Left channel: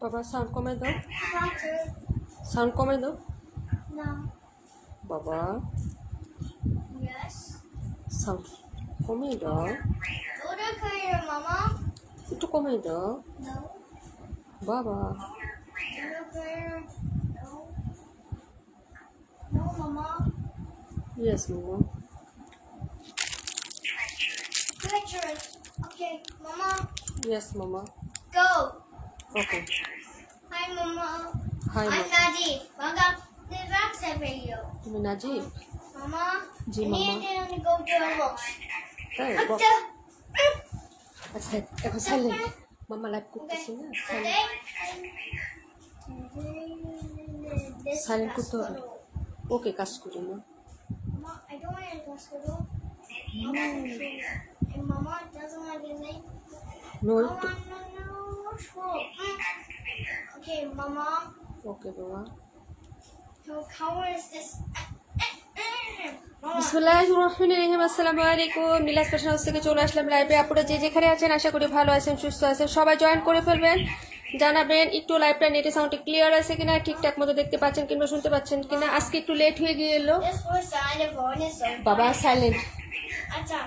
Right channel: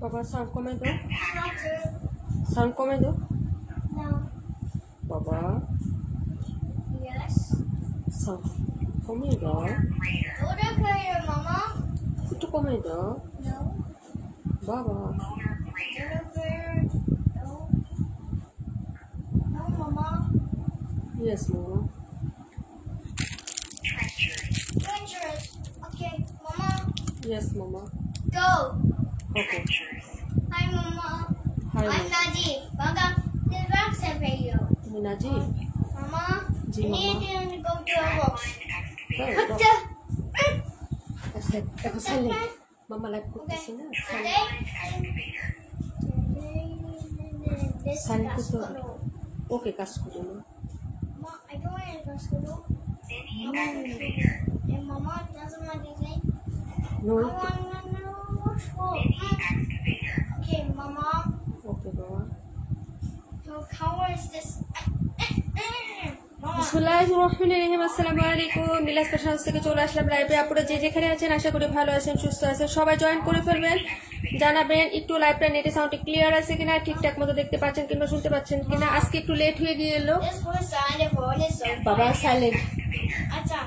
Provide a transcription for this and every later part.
Baba, sound কমে দাও। Sound কমে দাও। No. Baba. Yes. Sound কমে দাও। Order prayer, Mama. একটু কমে দাও। No. Baba. Order prayer. No. No, Mama. Yes, Mama. Treasures. Okay, Mama. Yes, Mama. Go. Okay. Hi, Mama. Hi, I'm Mama. Naji. Welcome to the Rockstar video. তুমি নাজি? Mama. Ji, I Mama. need to go to the books. তাই? আচ্ছা, এখন silent. মামা live করতেছি না। Silent করতে হবে। ওকে, কাজ করি না। Mama, I don't want to go to school. And Mama doesn't want to say. No. I want to know school. Okay, Mama. Okay, Baba. So how is this? Mama. বিসমিল্লাহির রহমানির রহিম। আসসালামু আলাইকুম। মিলা স্পেশাল হাউস থেকে চলে আসলাম লাইভে। আপনারা যে যেখানে আছেন আশা করি ভালো আছেন, সুস্থ আছেন। সবাই জয়েন করে ফেলবেন, জানাবেন একটু লাইভটা নেটে সাউন্ড ক্লিয়ার আছে কিনা, ঠিকঠাক মতো দেখতে পাচ্ছেন কিংবা শুনতে পাচ্ছেন কিনা। আজকে একটু লেট হয়ে গিয়েলো। This was signed for this. বাবা সাইলেন্ট। Acha.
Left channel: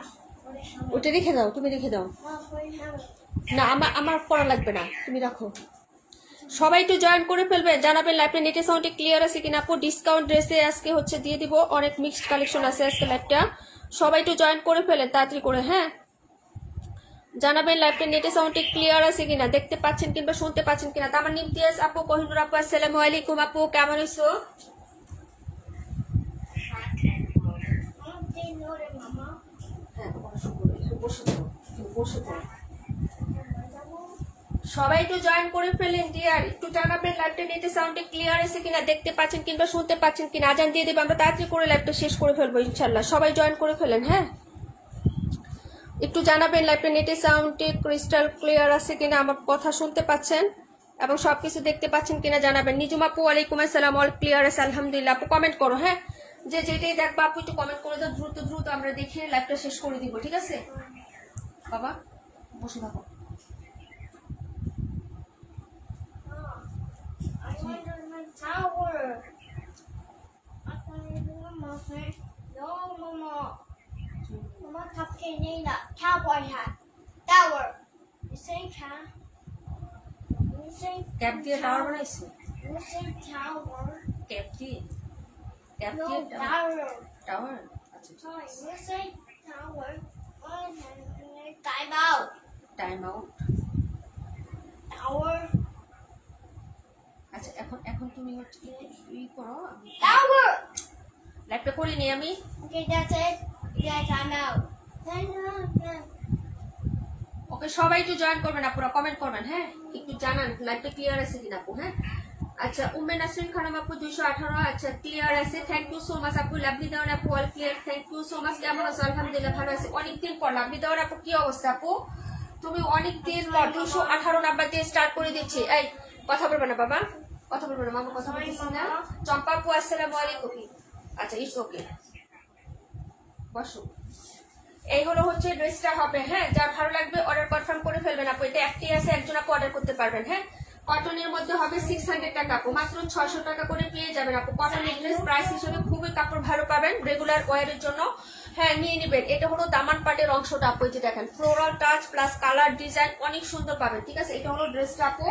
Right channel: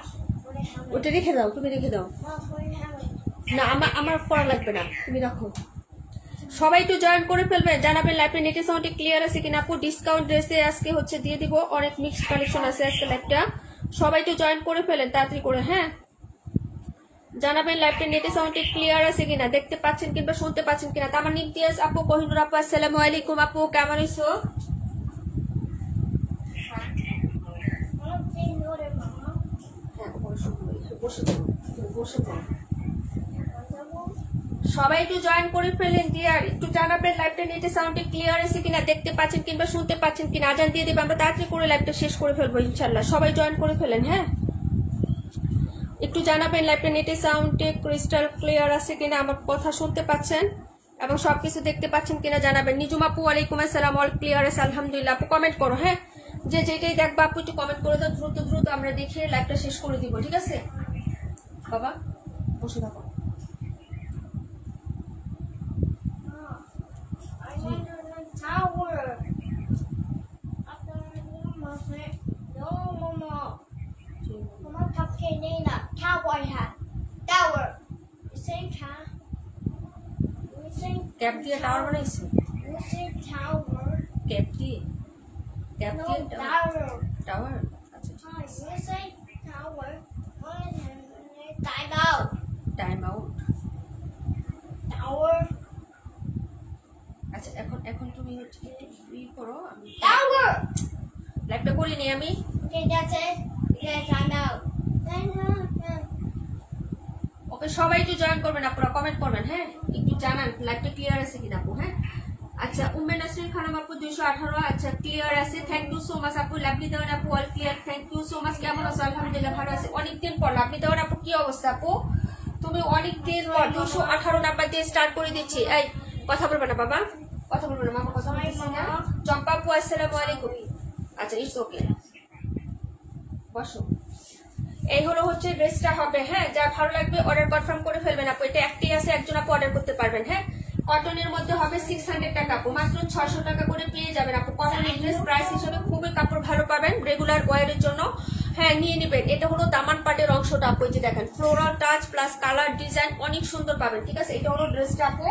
ওটা রেখে দাও, তুমি রেখে দাও। Mama, what do you have? না, আমার পড়া লাগবে না, তুমি রাখো। সবাই একটু জয়েন করে ফেলবেন, জানাবেন লাইভটা নেটে সাউন্ড ক্লিয়ার আছে কিনা। আপু ডিসকাউন্ট ড্রেসে আজকে হচ্ছে দিয়ে দিব, অনেক মিক্সড কালেকশন আছে আজকে লাইভটা। সবাই একটু জয়েন করে ফেলেন তাড়াতাড়ি করে, হ্যাঁ। জানাবেন লাইভটা নেটে সাউন্ড ক্লিয়ার আছে কিনা, দেখতে পাচ্ছেন কিংবা শুনতে পাচ্ছেন কিনা। তামার নিমতিয়াজ আপু, কোহিনুর আপু, আসসালামু আলাইকুম আপু, কেমন আছো? Mama, please order, Mama. হ্যাঁ, বসে পড়ো, বসে পড়ো। সবাই একটু জয়েন করে ফেলেন ডিয়ার, একটু জানাবেন লাইভটা নেটে সাউন্ড ক্লিয়ার আছে কিনা, দেখতে পাচ্ছেন কিংবা শুনতে পাচ্ছেন কিনা। আজান দিয়ে দেবে, আমরা তাড়াতাড়ি করে লাইভটা শেষ করে ফেলবো ইনশাল্লাহ। সবাই জয়েন করে ফেলেন, হ্যাঁ। একটু জানাবেন লাইভটা নেটে সাউন্ডে ক্রিস্টাল ক্লিয়ার আছে কিনা, আমার কথা শুনতে পাচ্ছেন এবং সবকিছু দেখতে পাচ্ছেন কিনা জানাবেন। নিজুম আপু, ওয়ালাইকুম আসসালাম, অল ক্লিয়ার আছে আলহামদুলিল্লাহ। আপু কমেন্ট করো, হ্যাঁ। যে যেটাই দেখবো আপু একটু কমেন্ট করে দাও, দ্রুত দ্রুত আমরা দেখিয়ে লাইভটা শেষ করে দিব, ঠিক আছে? বাবা বসে থাকো। I want to the tower. No, Mama. Mama, cupcake Nina. Cowboy hat. Tower. You say cow? You say cap দিয়ে টাওয়ার বানাইছে? You say tower. ক্যাপ দিয়ে No, tower. টাওয়ার। আচ্ছা, Hi, you say tower. Time out. Time out. Tower. আচ্ছা, এখন তুমি হচ্ছে ই করো, আমি Tower. লাইভটা করি নি আমি। Okay, that's it. Yeah, time out. ওকে, সবাই একটু জয়েন করবেন আপুরা, কমেন্ট করবেন, হ্যাঁ। একটু জানান লাইভটা ক্লিয়ার আছে কিনা আপু, হ্যাঁ। আচ্ছা, উম্মে নাসরিন খানম আপু 218। আচ্ছা, ক্লিয়ার আছে, থ্যাংক ইউ সো মাচ আপু। লাভলি দেওয়ার আপু, all clear, thank you so much. কেমন আছো? আলহামদুলিল্লাহ ভালো আছে। অনেকদিন পর লাভলি দেওয়ার আপু, কি অবস্থা আপু? তুমি অনেকদিন পর 218 নাম্বার দিয়ে স্টার্ট করে দিচ্ছি। এই কথা বলবে না বাবা, কথা বলবে না মামা, কথা বলতেছি না। চম্পা আপু, আসসালামু আলাইকুম। আচ্ছা, ইটস ওকে, বসো। এই হলো হচ্ছে ড্রেসটা হবে, হ্যাঁ। যা ভালো লাগবে অর্ডার কনফার্ম করে ফেলবেন আপু। এটা একটি আছে, একজন আপু অর্ডার করতে পারবেন, হ্যাঁ। কটনের মধ্যে হবে 600 টাকা আপু, মাত্র 600 টাকা করে পেয়ে যাবেন আপু। কটনের ড্রেস প্রাইস হিসেবে খুবই কাপড় ভালো পাবেন রেগুলার ওয়ারের জন্য, হ্যাঁ নিয়ে নেবেন। এটা হলো দামান পাটের অংশটা আপু, এই যে দেখেন floral touch plus colour design অনেক সুন্দর পাবেন, ঠিক আছে। এটা হলো ড্রেসটা আপু।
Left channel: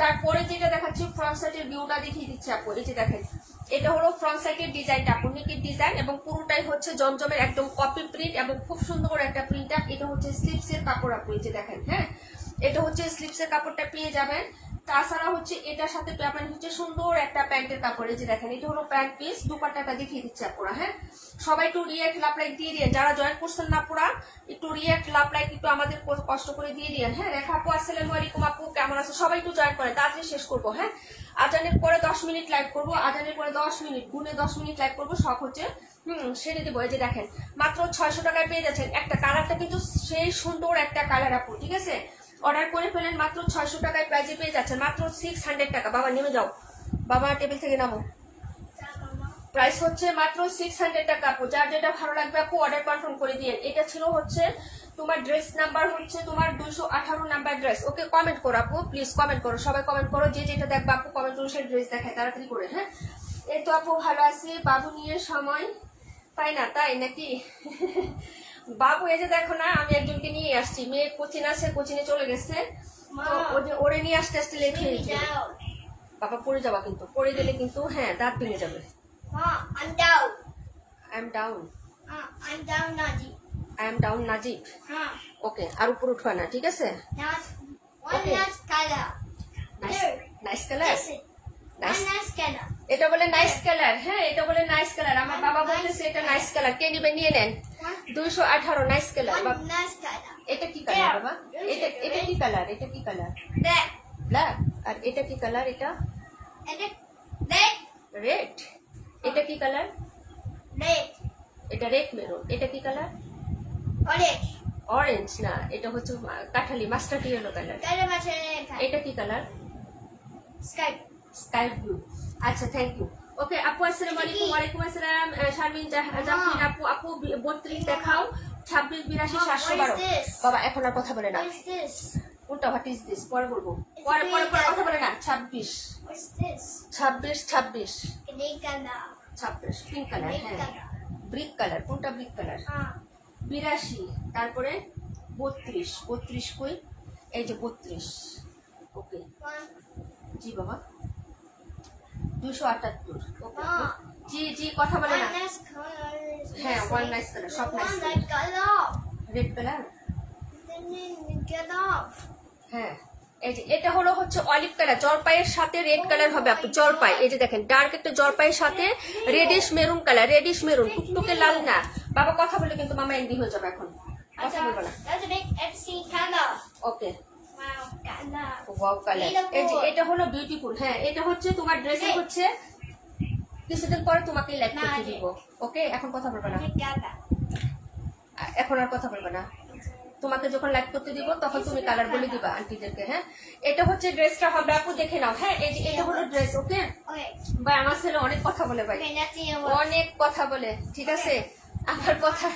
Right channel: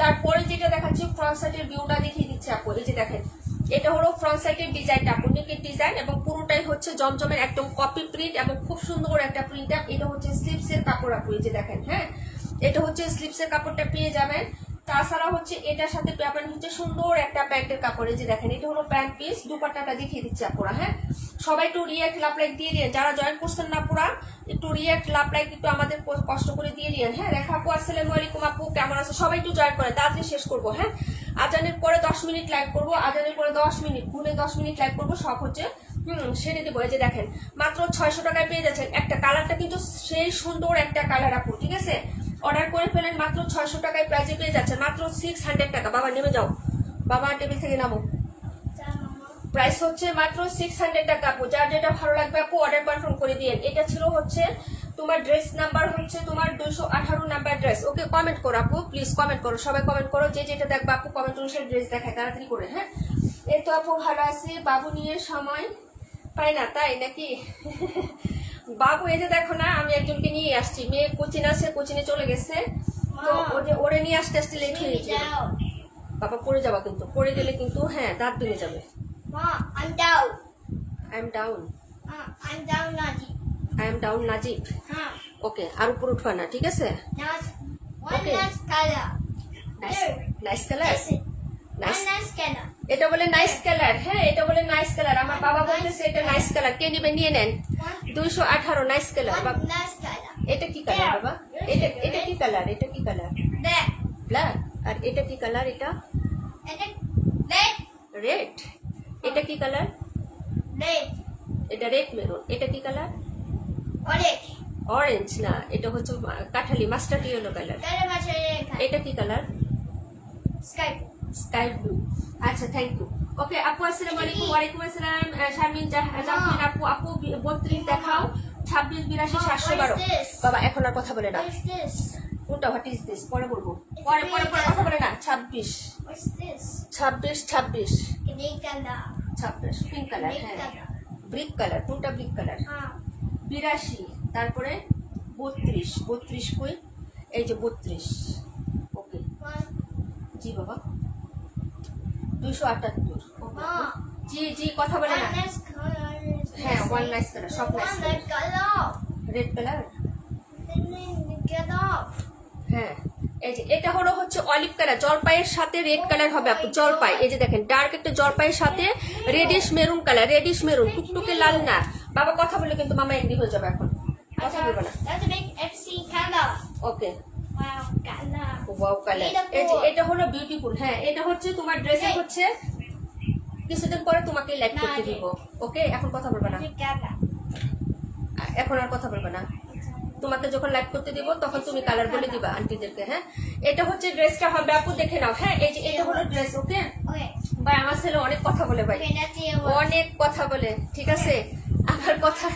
তারপরে যেটা দেখাচ্ছি ফ্রন্ট সাইডের ভিউটা দেখিয়ে দিচ্ছে আপু, এই যে দেখেন এটা হলো ফ্রন্ট সাইডের ডিজাইনটা আপু, নেকের ডিজাইন এবং পুরোটাই হচ্ছে জমজমের একদম কপি প্রিন্ট এবং খুব সুন্দর একটা প্রিন্ট। এটা হচ্ছে স্লিপসের কাপড় আপু, এই যে দেখেন, হ্যাঁ। এটা হচ্ছে স্লিপসের কাপড়টা পেয়ে যাবেন। তাছাড়া হচ্ছে এটার সাথে পাবেন হচ্ছে সুন্দর একটা প্যান্টের কাপড়, এই যে দেখেন এটা হলো প্যান্ট পিস। দুপাট্টাটা দেখিয়ে দিচ্ছে আপুরা, হ্যাঁ। সবাই একটু রিয়েক্ট লাভ লাইক দিয়ে দিন, যারা জয়েন করছেন না আপুরা একটু রিয়েক্ট লাভ লাইক একটু আমাদের কষ্ট করে দিয়ে দিন, হ্যাঁ। রেখা আপু, আসসালামু আলাইকুম আপু, কেমন আছে? সবাই একটু জয়েন করে, তাড়াতাড়ি শেষ করবো, হ্যাঁ। আজানের পরে 10 মিনিট লাইভ করবো, আজানের পরে 10 মিনিট গুনে 10 মিনিট লাইভ করবো, সব হচ্ছে সেরে দেবো। এই যে দেখেন মাত্র 600 টাকায় পেয়ে যাচ্ছেন। একটা কালারটা কিন্তু সেই সুন্দর একটা কালার আপু, ঠিক আছে। অর্ডার করে ফেলেন, মাত্র 600 টাকায় প্রাইজে পেয়ে যাচ্ছে, মাত্র 600 টাকা। বাবা নেমে যাও, বাবা টেবিল থেকে নামো। প্রাইস হচ্ছে মাত্র 600 টাকা আপু। যার যেটা ভালো লাগবে আপু অর্ডার কনফার্ম করে দিয়ে। এটা ছিল হচ্ছে তোমার ড্রেস নাম্বার হচ্ছে তোমার 218 নাম্বার ড্রেস। ওকে, কমেন্ট করো আপু, প্লিজ কমেন্ট করো, সবাই কমেন্ট করো, যে যেটা দেখবে আপু কমেন্ট অনুসারে ড্রেস দেখায় তাড়াতাড়ি করে। হ্যাঁ, এই তো আপু ভালো আছে, বাবু নিয়ে সময় পাই না তাই নাকি? বাবু এই যে দেখো না, আমি একজনকে নিয়ে আসছি, মেয়ে কোচিং আছে, কোচিনে চলে গেছে, তো ওরে নিয়ে আসতে আসতে লেট হয়ে গেছে। বাবা পড়ে যাবা কিন্তু, পড়ে গেলে কিন্তু হ্যাঁ দাঁত ভেঙে যাবে। I'm down. I'm down. I'm down, Najib. I'm down, Najib. ওকে, আর উপর উঠবা না, ঠিক আছে? One nice color. Nice colour, One nice color. এটা বলে নাইস কালার। হ্যাঁ, এটা বলে নাইস কালার। আমার বাবা বলতেছে এটা নাইস কালার, কে নিবে নিয়ে নেন। 218 nice colour. One nice color. এটা কি কালার বাবা? এটা কি কালার? এটা কি কালার? Black. ব্ল্যাক। আর এটা কি কালার? এটা And red. রেড। এটা কি কালার? Red. এটা রেড মেরুন। এটা কি কালার? Orange. অরেঞ্জ না, এটা হচ্ছে কাঠালি mustard yellow colour. Color match. এটা কি কালার? Sky. Sky blue. আচ্ছা, থ্যাংক ইউ। ওকে আপু, আসসালামু আলাইকুম। ওয়ালাইকুম আসসালাম। শারমিন জাফরিন আপু, আপু 32 দেখাও, 26 82 712। বাবা এখন আর কথা বলে না, What is this? ওটা হোয়াট ইজ দিস পরে বলবো, পরে পরে পরে কথা বলে না। 26 What's this? 26 Green color. 26 pink colour. Green হ্যাঁ, color. ব্রিক কালার, কোনটা ব্রিক কালার? 82, তারপরে 32 কই? এই যে 32। ওকে One. জি বাবা, 278। ওকে জি জি, কথা বলে না। One nice color. হ্যাঁ, ওয়ান নাইস কালার, সব nice One colour. red color. Red colour. Then get off. হ্যাঁ, এই যে এটা হলো হচ্ছে অলিভ কালার, জলপাইয়ের সাথে রেড কালার হবে আপু। জলপাই, এই যে দেখেন ডার্ক একটা জলপাইয়ের সাথে radish maroon colour, radish maroon, টুকটুকে লাল না। বাবা কথা বলে কিন্তু মামা এন্ডি হয়ে যাবে, এখন কথা বলবো না। That's a big FC color. Okay, Wow, color. Wow colour. এই যে এটা হলো বিউটিফুল। হ্যাঁ, এটা হচ্ছে তোমার ড্রেসে হচ্ছে কিছুদিন পরে তোমাকে লাইভ করতে দিব। ওকে, এখন কথা বলবে না, Big color. এখন আর কথা বলবে না। তোমাকে যখন লাইভ করতে দিব তখন তুমি কালার বলে দিবা আন্টিদেরকে। হ্যাঁ, এটা হচ্ছে ড্রেসটা হবে আপু, দেখে নাও। হ্যাঁ, এই যে এটা হলো ড্রেস। ওকে Okay. ভাই, আমার ছেলে অনেক কথা বলে ভাই, Okay, let's see what. অনেক কথা বলে, ঠিক আছে আমার কথা।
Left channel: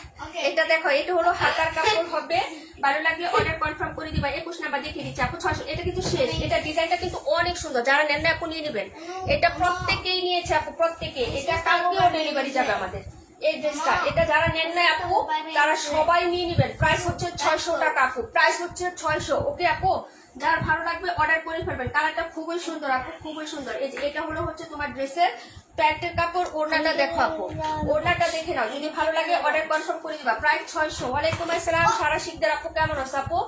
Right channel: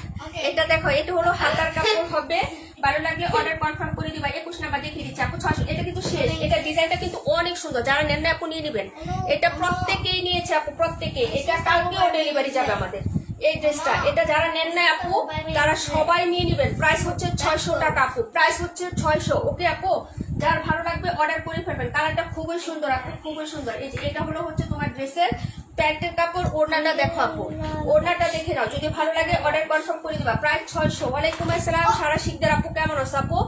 এটা দেখো, এটা হলো হাতার কাপড় হবে, ভালো লাগলে অর্ডার কনফার্ম করে দিবা। 21 নাম্বার দেখিয়ে দিচ্ছি আপু, 600। এটা কিন্তু শেষ, এটা ডিজাইনটা কিন্তু অনেক সুন্দর, যারা নেন না আপু নিয়ে নেবেন। এটা প্রত্যেকেই নিয়েছে আপু, প্রত্যেকে। এটা কালকেও ডেলিভারি যাবে আমাদের এই ড্রেসটা। এটা যারা নেন না আপু তারা সবাই নিয়ে নেবেন। প্রাইস হচ্ছে 600 টাকা আপু, প্রাইস হচ্ছে 600। ওকে আপু, যার ভালো লাগবে অর্ডার করে ফেলবেন। কালারটা খুবই সুন্দর আপু, খুবই সুন্দর। এই যে এটা হলো হচ্ছে তোমার ড্রেসের প্যান্টের কাপড়। ওড়নাটা দেখো আপু, ওড়নাটা দেখে নাও, যদি ভালো লাগে অর্ডার কনফার্ম করে দিবা। প্রাইস 600। ওয়ালাইকুম আসসালাম সারা শিখদের আপু, কেমন আছো আপু?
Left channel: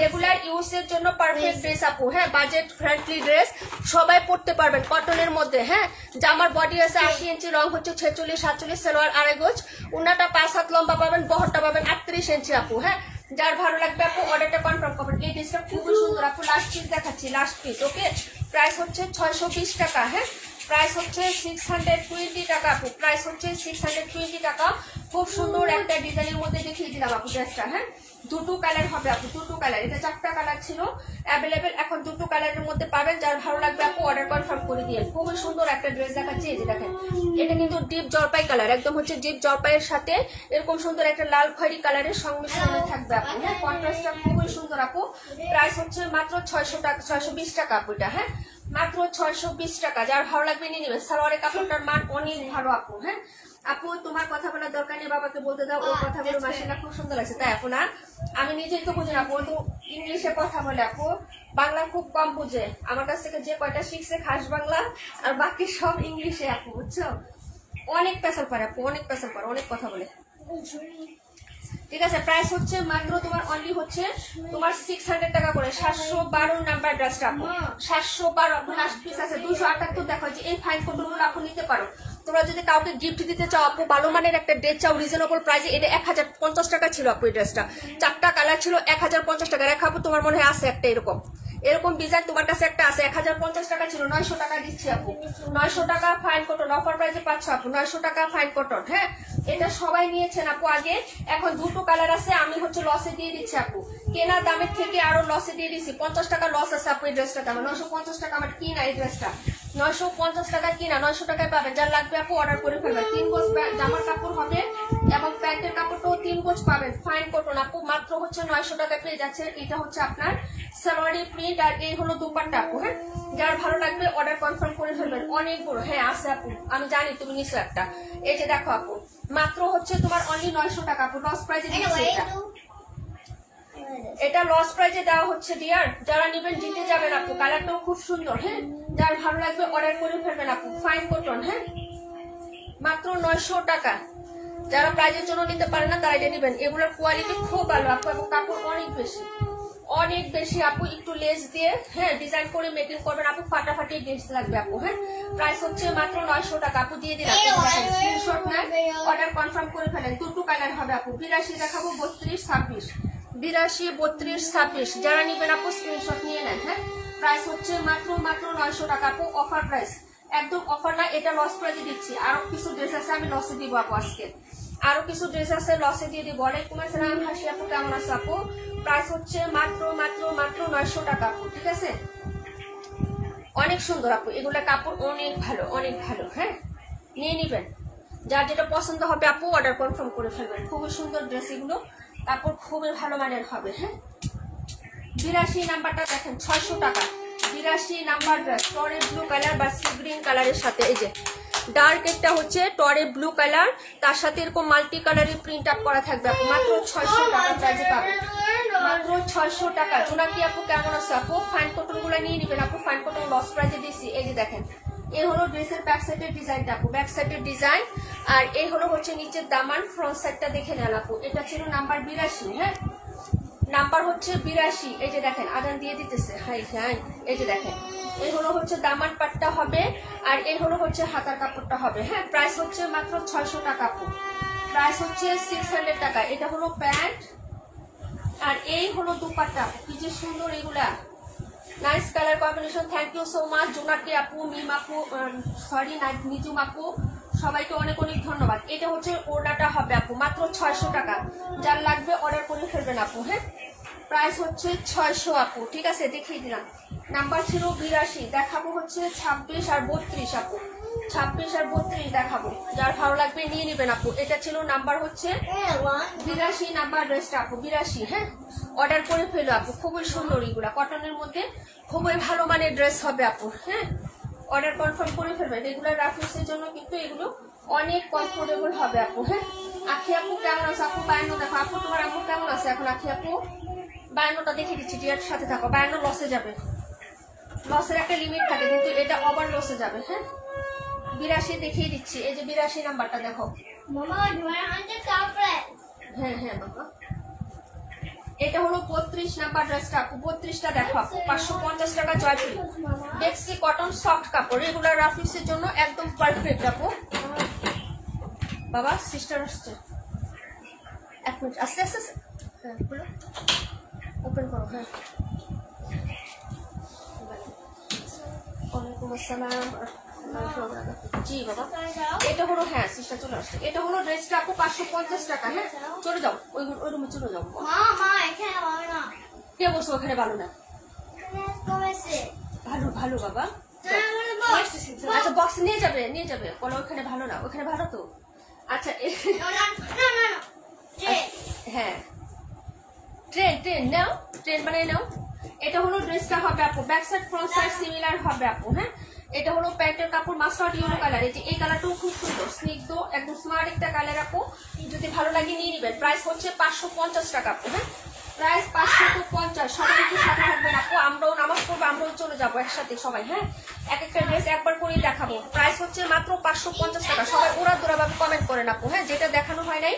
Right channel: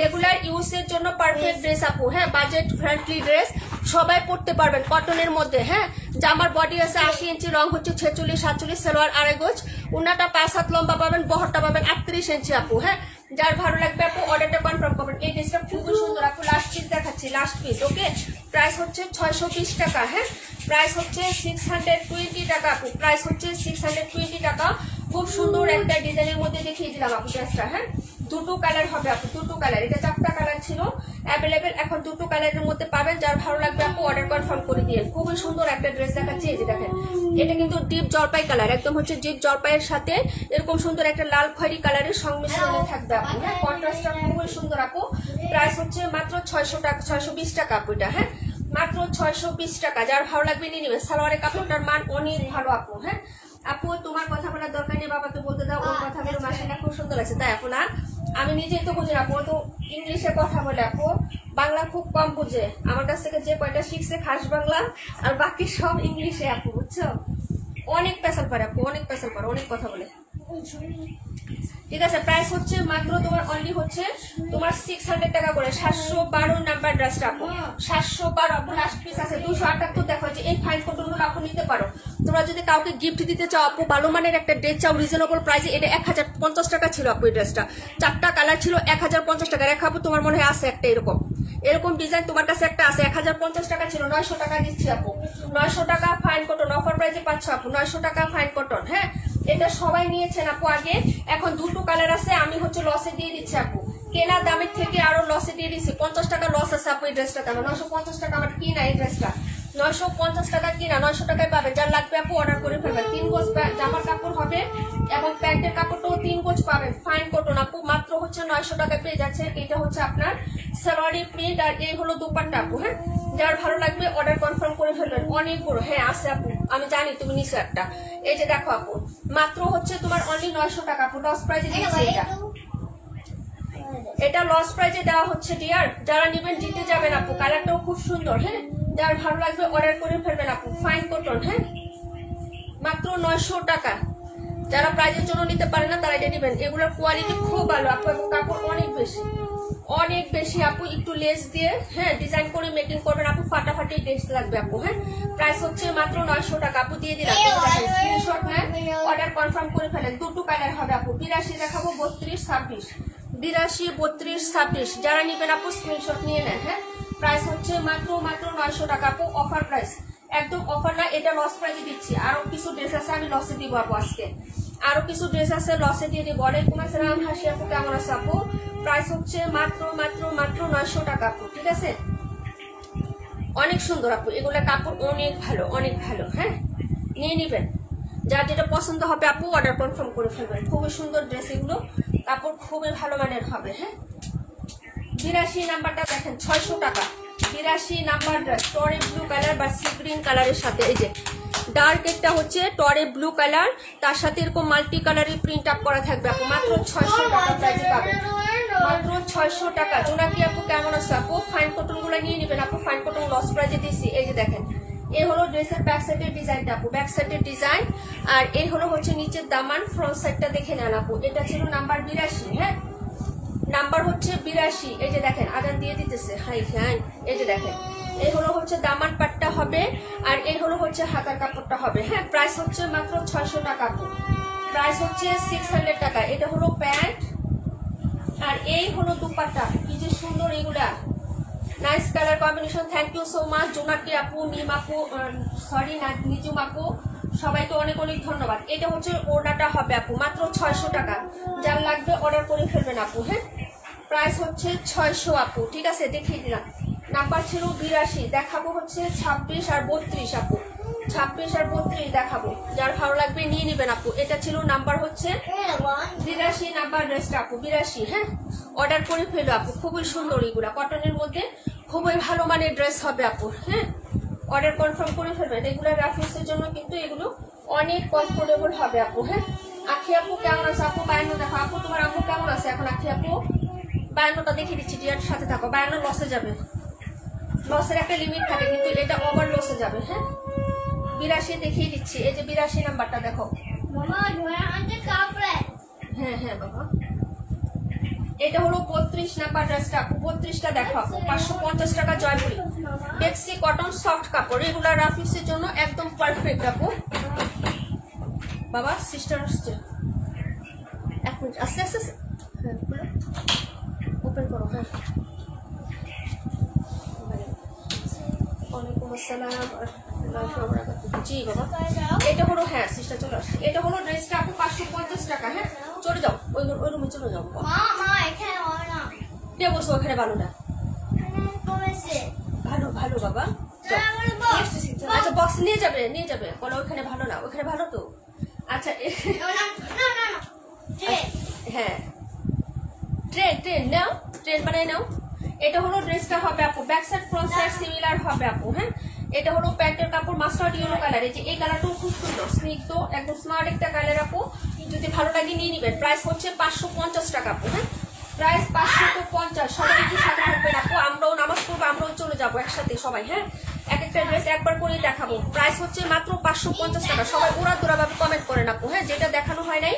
রেগুলার ইউজ এর জন্য পারফেক্ট ড্রেস আপু। হ্যাঁ, বাজেট ফ্রেন্ডলি ড্রেস, সবাই পড়তে পারবেন, কটনের মধ্যে। হ্যাঁ, জামার বডি আছে 80 ইঞ্চি, রং হচ্ছে 46 47, সালোয়ার আড়াই গজ, উন্নাটা 5 হাত লম্বা পাবেন, বহরটা পাবেন 38 ইঞ্চি আপু। হ্যাঁ, যার ভালো লাগবে আপু অর্ডারটা কনফার্ম করবেন। এই ড্রেসটা খুবই সুন্দর আপু, লাস্ট পিস দেখাচ্ছি, লাস্ট পিস। ওকে, প্রাইস হচ্ছে 620 টাকা। হ্যাঁ, প্রাইস হচ্ছে 620 টাকা আপু, প্রাইস হচ্ছে 620 টাকা। খুব সুন্দর একটা ডিজাইনের মধ্যে দেখিয়ে দিলাম আপু ড্রেসটা। হ্যাঁ, দুটো কালার হবে আপু, দুটো কালার। এটা 4টা কালার ছিল অ্যাভেলেবেল, এখন দুটো কালারের মধ্যে পাবেন। যার ভালো লাগবে আপু অর্ডার কনফার্ম করে দিয়ে। খুবই সুন্দর একটা ড্রেস দেখাচ্ছি, এই যে দেখেন, এটা কিন্তু ডিপ জলপাই কালার, একদম হচ্ছে ডিপ জলপাইয়ের সাথে এরকম সুন্দর একটা লাল খয়েরি কালারের সংমিশ্রণে থাকবে আপু। হ্যাঁ, কন্ট্রাস্টটা খুবই সুন্দর আপু। প্রাইস হচ্ছে মাত্র 600 টাকা, 620 টাকা আপু এটা। হ্যাঁ, মাত্র 620 টাকা। যার ভালো লাগবে নিয়ে নেবেন। সালোয়ারের কাপড়টার মান অনেক ভালো আপু। হ্যাঁ আপু, তোমার কথা বলার দরকার নেই, বাবাকে বলতে দাও, ওর কথাগুলো মাশাআল্লাহ খুব সুন্দর আছে। তাই আপু না, আমি নিজেই তো বুঝি না আপু, তো ইংলিশে কথা বলে আপু, বাংলা খুব কম বুঝে। আমার কাছ থেকে যে কয়টা শিখছে খাস বাংলা, আর বাকি সব ইংলিশে আপু, বুঝছো? অনেক পেশাল পারে আপু, অনেক পেশাল পারে, অনেক কথা বলে। ঠিক আছে, প্রাইস হচ্ছে মাত্র তোমার অনলি হচ্ছে তোমার 600 টাকা করে। 712 নাম্বার ড্রেসটা আপু, 712 লাস্ট পিস আছে। 278 দেখা হচ্ছে। এই ফাইন কোটগুলো আপু নিতে পারো। তোমরা যদি কাউকে গিফট দিতে চাও আপু, ভালো মানের একটা ড্রেস চাও রিজনেবল প্রাইসে, এটা 1050 টাকা ছিল আপু। এই ড্রেসটা 4টা কালার ছিল, 1050 টাকা। রেখাবো তোমার মনে হয় আছে একটা এরকম এরকম ডিজাইন, তোমার কাছে একটা আছে। 1050 টাকা ছিল, 900 টাকা দিচ্ছি আপু। 900 টাকা ফাইন কটন অফার প্রাইসে পাচ্ছ আপু, 900 টাকা ফাইন কটন। হ্যাঁ, এটা সবাই নিয়েছেন আপু আগে, এখন দুটো কালার আছে, আমি হচ্ছে লসে দিয়ে দিচ্ছি আপু। কেনা দামের থেকে আরো লসে দিয়ে দিছি, 50 টাকা লস আছে আপু এই ড্রেসটা। আমার 950 টাকা আমার কিনা এই ড্রেসটা, 950 টাকা কিনা, 900 টাকায় পাবেন। যার লাগবে আপু অর্ডার করে ফেলবেন। 3 গজ জামার কাপড় হবে এবং প্যান্টের কাপড়টাও 3 গজ পাবেন, ফাইন কটন আপু। মাত্র হচ্ছে 900 টাকায় পেয়ে যাচ্ছে। এটা হচ্ছে আপনার সালোয়ারি প্রিন্ট আর এই হলো দুপাট্টা আপু। হ্যাঁ, যার ভালো লাগবে অর্ডার কনফার্ম করে ফেলবেন। অনেক বড়, হ্যাঁ আছে আপু, আমি জানি তুমি নিছো একটা। এই যে দেখো আপু, মাত্র হচ্ছে তোমার অনলি 900 টাকা আপু, লস প্রাইজে দিচ্ছি এটা। এটা লস প্রাইজে দেওয়া হচ্ছে ডিয়ার। যারা নেবেন জিতে যাবেন আপু। কালারটাও খুব সুন্দর। হ্যাঁ, যার ভালো লাগবে অর্ডার করে ফেলবেন আপু, ফাইন কটন। হ্যাঁ, মাত্র 900 টাকা। যারা প্রাইজের জন্য নিতে পারে না তারা এটা নেবেন। এগুলোর কোয়ালিটি খুব ভালো আপু এবং কাপড় অনেক বেশি, অনেক বেশি আপু। একটু লেস দিয়ে হ্যাঁ ডিজাইন করে মেকিং করবেন আপু, ফাটাফাটি ড্রেস লাগবে আপু। হ্যাঁ, প্রাইস হচ্ছে মাত্র 900 টাকা আপু, দিয়ে দিলাম। স্ক্রিনশট নেন, অর্ডার কনফার্ম করে ফেলেন। দুটো কালার হবে আপু, 82 দেখাবো, 32, 26, 82, 32, 26। যারা নেবেন আপু স্ক্রিনশট নিয়ে নেন। হ্যাঁ, প্রাইস হচ্ছে মাত্র 900 টাকা আপু, অফার প্রাইস, একদম অফার না, এটা লস প্রাইজে দিচ্ছি। আরো কিছু ড্রেস আছে আমি লসে দিব আপু আজকে, আরো কিছু ড্রেস আছে লসে দিয়ে দিব। ওয়ালাইকুম আসসালাম হাসি আপু, কেমন আছে আপু? প্রাইস হচ্ছে মাত্র 900 টাকা আপু, ঠিক আছে? অনেক সুন্দর আপু, এগুলো কাপড় অনেক ভালো, অনেক ভালো। হ্যাঁ, নিয়ে নিবেন। যার যেটা পছন্দ হবে আপু অর্ডার কনফার্ম করে ফেলবেন। খুবই সুন্দর ড্রেস এগুলো, কাপড় খুবই ভালো মানের হবে। হ্যাঁ, 82 নাম্বারটা দেখেন, 600 টাকা। 82 নাম্বার ড্রেস, টরে ব্লু কালার বা সি গ্রিন কালারের সাথে, এই যে ডার্ক একটা হচ্ছে টরে ব্লু কালার, তার সাথে এরকম মাল্টি কালারের প্রিন্ট আপ করা থাকবে আপু। মাত্র 600 টাকা প্রাইসে পাবেন, মাত্র 600 টাকা। জোনাকি আপু কেমন আছে আপু? ফাইন কটন গুলো নিয়ে নিবেন আপু, ফাইন কটন লস প্রাইজে দিচ্ছি। এই যে দেখেন, এই হলো ড্রেসের ব্যাক সাইডের ডিজাইনটা আপু, ব্যাক সাইডের ডিজাইন। আর এই হলো হচ্ছে নিচের দামান, ফ্রন্ট সাইডটা দেখে নেন আপু। এটা ছিল নাম্বার 82। হ্যাঁ, নাম্বার হচ্ছে 82। এই যে দেখেন আদান দিয়ে দিতেছে, হাই ফ্যান। এই যে দেখেন, এই হলো হচ্ছে দামান পাটটা হবে আর এই হলো হচ্ছে হাতার কাপড়টা হবে। হ্যাঁ, প্রাইস হচ্ছে মাত্র 600 টাকা আপু, প্রাইস হচ্ছে 600 টাকা। এটা হলো প্যান্ট আর এই হলো দুপাট্টা, কি যে সুন্দর এগুলা, nice colour combination. Thank you so much Jonaki আপু, মিম আপু, সরি না নিজুম আপু, সবাইকে অনেক অনেক ধন্যবাদ। এটা হচ্ছে ওড়নাটা হবে আপু, মাত্র 600 টাকা। যার লাগবে অর্ডার করে ফেলবেন আপু। হ্যাঁ, প্রাইস হচ্ছে 600 আপু, ঠিক আছে? দেখিয়ে দিলাম। নাম্বার ছিল 82, দেখাবো হচ্ছে 26 আর 32 আপু, 26 আর 32 দেখাবো। যার ভালো লাগবে নিয়ে নিবেন আপু। এটা ছিল নাম্বার হচ্ছে 82 নাম্বার ড্রেসটা আপু, 82। হ্যাঁ, অর্ডার করে ফেলো আপু, খুবই সুন্দর এগুলা, কটনের মধ্যে খুবই ভালো মানের ড্রেস হবে আপু। হ্যাঁ, অর্ডার কনফার্ম করে ফেলবেন। রেগুলার রাফিসের জন্য কিন্তু এগুলো অনেক কমফোর্টেবল হবে আপু। হ্যাঁ, আখি আপু কেমন আছে আপু? 52 দেখো আপু, তোমার আপু কেমন আছে এখন? আখি আপু 52টা দেখিয়ে দিচ্ছি, ডিয়ার সাথে থাকো। 52 লসে যাবে, লসের একটা লিমিট থাকে কিন্তু এটা ওভার লসে যাবে। হ্যাঁ, 82 দেখিয়ে দিচ্ছি। এই যে 82 নাম্বারটা দেখো। হ্যাঁ হ্যাঁ বাবা, এটা হলো 32 নাম্বার ড্রেসটা আপু, 32টা দেখো আপু, 550 টাকা জয়পুরি ডেক্সি কটন সফট কাপড়। রেগুলার রাফিসের জন্য একদম পারফেক্ট আপু। বাবা সিস্টার আসছে, 1 মিনিট, আস্তে আস্তে। হ্যাঁ, ওপেন করো। হ্যাঁ, ওয়ালাইকুম আসসালাম। জি বাবা, এটা হলো, হ্যাঁ সিস্টার চলে আসছে। এটা হলো ড্রেসটা আপু, 550 টাকা। হ্যাঁ, চলে যাও ওই রুমে চলে যাও। কে বলছো ওখানে ভালো না? ভালো ভালো বাবা, আচ্ছা বক্স নিয়ে যাবে, নিয়ে যাবে, বলো ওখানে ভালো না, ওখানে ভালো তো। আচ্ছা হ্যাঁ, ট্রেন নাও, ট্রেন বানাই নাও। এটা হলো ড্রেসটা হবে আপু, back side front side similar হবে আপু। হ্যাঁ, এটা হলো প্যান্টের কাপড়, মাস্টার্ড ইয়েলো কালার। এই কালারটাও খুব সুন্দর, স্নিগ্ধ একদম স্মার্ট একটা কালার আপু। যদি ভালো লাগে নিয়ে নিবেন। প্রাইস হচ্ছে 550 টাকা আপু। হ্যাঁ, প্রাইস 550। সবাই একটু সাথে থাকবেন আপু, আমরাও নামাজ পড়বো, আমরাও চলে যাবো একসাথে সবাই। হ্যাঁ, এক একটা ড্রেস একবার করেই দেখাবো। প্রাইস হচ্ছে মাত্র 550 টাকা। সবাই ওরা দোরা ভাবে কমেন্ট করেন আপু। হ্যাঁ, যেটা দেখানো হয় নাই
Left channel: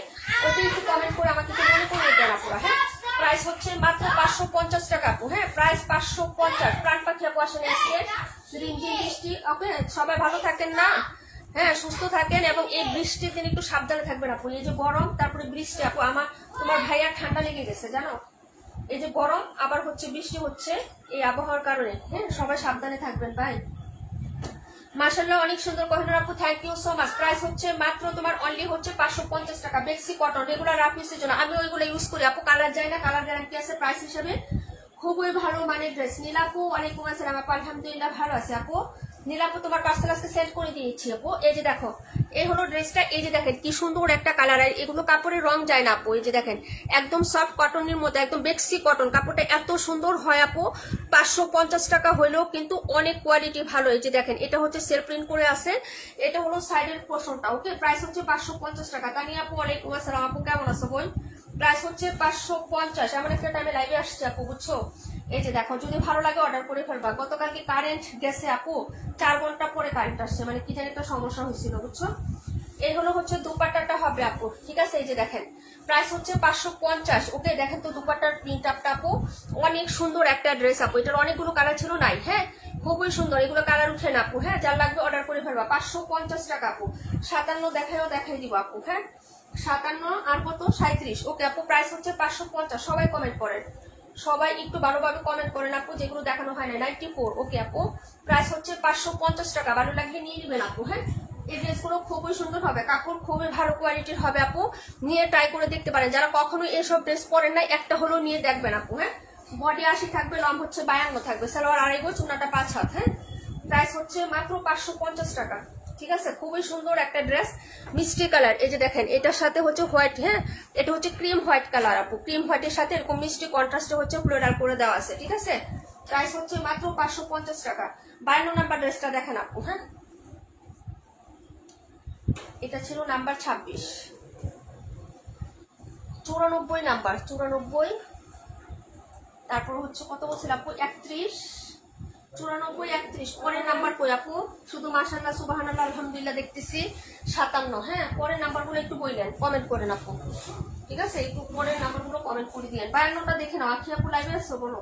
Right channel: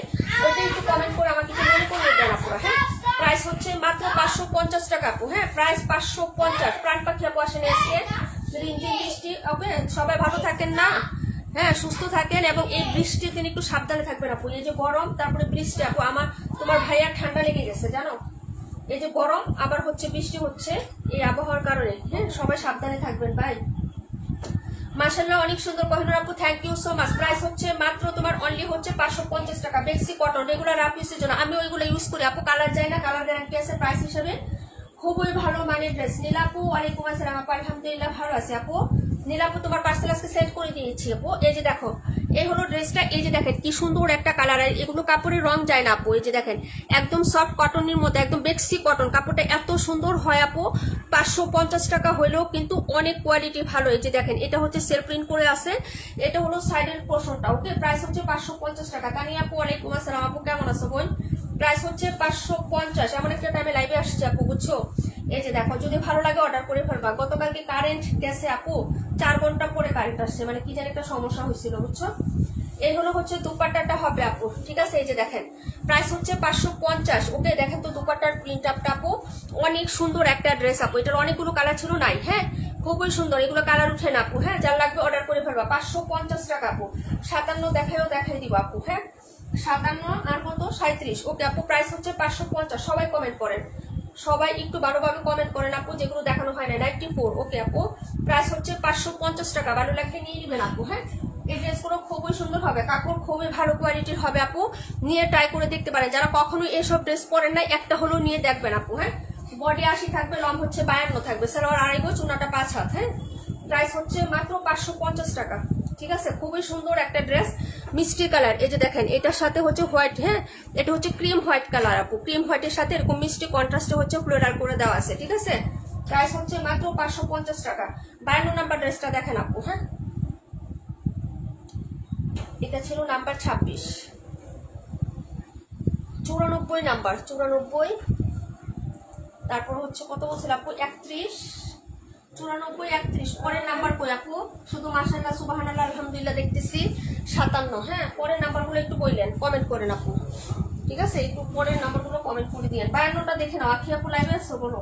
ওটাই একটু কমেন্ট করে আমাকে একটু মনে করে দেন আপু। হ্যাঁ, প্রাইস হচ্ছে মাত্র 550 টাকা আপু। হ্যাঁ, প্রাইস 550। প্রাণ পাখি আপু আসেন এসে রিমঝিম বৃষ্টি। ওকে, সবাই ভালো থাকেন না? হ্যাঁ, সুস্থ থাকেন এবং এই বৃষ্টির দিন একটু সাবধানে থাকবেন আপু। এই যে গরম তারপরে বৃষ্টি আপু, তোমার ভাইয়ার ঠান্ডা লেগে গেছে জানো। এই যে গরম আবার হচ্ছে বৃষ্টি হচ্ছে, এই আবহাওয়ার কারণে। হ্যাঁ, সবাই সাবধানে থাকবেন ভাই। মাশাআল্লাহ অনেক সুন্দর কোহিনুর আপু, thank you so much. Price হচ্ছে মাত্র তোমার অনলি হচ্ছে 550 টাকা। বেক্সি কটন রেগুলার রাফিসের জন্য আমি ওইগুলো ইউজ করি আপু, কালার যায় না, কালার গ্যারান্টি আছে। প্রাইস হিসেবে খুবই ভালো মানের ড্রেস। নীলাপু ওয়ালাইকুম আসসালাম আপু, আলহামদুলিল্লাহ ভালো আছে আপু। নীলাপু তোমার পার্সেল আজকে সেট করে দিয়েছি আপু। এই যে দেখো এই হলো ড্রেসটা, এই যে দেখেন কি সুন্দর একটা কালার, আর এগুলো কাপড়ের রং যায় না আপু। এই যে দেখেন একদম সফট কটনের মধ্যে, একদম বেক্সি কটন, কাপড়টা এত সুন্দর হয় আপু। 550 টাকা হইলেও কিন্তু অনেক কোয়ালিটি ভালো। এই যে দেখেন এটা হচ্ছে সেলফ প্রিন্ট করে আছে, এটা হলো সাইডের পোর্শনটা। ওকে, প্রাইস হচ্ছে 550 টাকা। তানি আপু ওয়ালাইকুম আসসালাম আপু, কেমন আছো বোন? প্রাইস হচ্ছে 550। এমন একটা টাইমে লাইভে আসছে আপু, বুঝছো? এই যে দেখো যদি ভালো লাগে অর্ডার করে ফেলবা। গতকালকে কারেন্ট গেছে আপু, 4 ঘন্টা পরে কারেন্ট আসছে, মানে কি জানি একটা সমস্যা হয়েছিল, বুঝছো? এই হলো হচ্ছে দুপাট্টাটা হবে আপু, ঠিক আছে? এই যে দেখেন প্রাইস হচ্ছে 550। ওকে, দেখেন তো দুপাট্টার প্রিন্ট আপটা আপু, অনেক সুন্দর একটা ড্রেস আপু। এটার অনেকগুলো কালার ছিল নাই, হ্যাঁ খুবই সুন্দর, এগুলো কালার উঠে না আপু। হ্যাঁ, যার লাগবে অর্ডার করে ফেলবা। 550 টাকা আপু। 57 দেখাই দিব আপু। হ্যাঁ 57 আর কত 37। ওকে আপু, প্রাইস হচ্ছে 550। সবাই কমেন্ট করেন, সবাই একটু ভালোভাবে কমেন্ট করেন আপু, যেগুলো দেখানো হয় না। 94। ওকে আপু, প্রাইস হচ্ছে 550 টাকা। ভালো লাগলে নিয়ে নেবেন আপু। হ্যাঁ, এই ড্রেসগুলো খুবই সুন্দর হবে, কাপড় খুবই ভালো কোয়ালিটির হবে আপু। নিয়ে ট্রাই করে দেখতে পারেন, যারা কখনোই এসব ড্রেস পরেন না একটা হলেও নিয়ে দেখবেন আপু। হ্যাঁ, বডি 80 থাকবে, লং হচ্ছে 52 থাকবে, সালোয়ার 2.5 গজ, চুনাটা 5 হাত। হ্যাঁ, প্রাইস হচ্ছে মাত্র 550 টাকা। ঠিক আছে, খুবই সুন্দর একটা ড্রেস, মিষ্টি কালার। এই যে দেখেন এটার সাথে হচ্ছে হোয়াইট, হ্যাঁ এটা হচ্ছে ক্রিম হোয়াইট কালার আপু। ক্রিম হোয়াইটের সাথে এরকম মিষ্টি কন্ট্রাস্টে হচ্ছে ফ্লোরাল করে দেওয়া আছে, ঠিক আছে? প্রাইস হচ্ছে মাত্র 550 টাকা। 52 নাম্বার ড্রেসটা দেখেন আপু। হ্যাঁ, এটা ছিল নাম্বার 26। 94 নাম্বার, 94। তারপর হচ্ছে কত বলছিল আপু? 31। 94, 31। পরের নাম্বার কই আপু? শুধু মাশাআল্লাহ সুবহানাল্লাহ আলহামদুলিল্লাহ দেখতেছি 57। হ্যাঁ, পরের নাম্বারগুলো একটু বললেন, কমেন্ট করেন আপু, ঠিক আছে? একটু পরের নাম্বারগুলো কমেন্ট করে দিয়েন। 52টা দেখে নাও। আখি আপু লাইভে আসো, বলো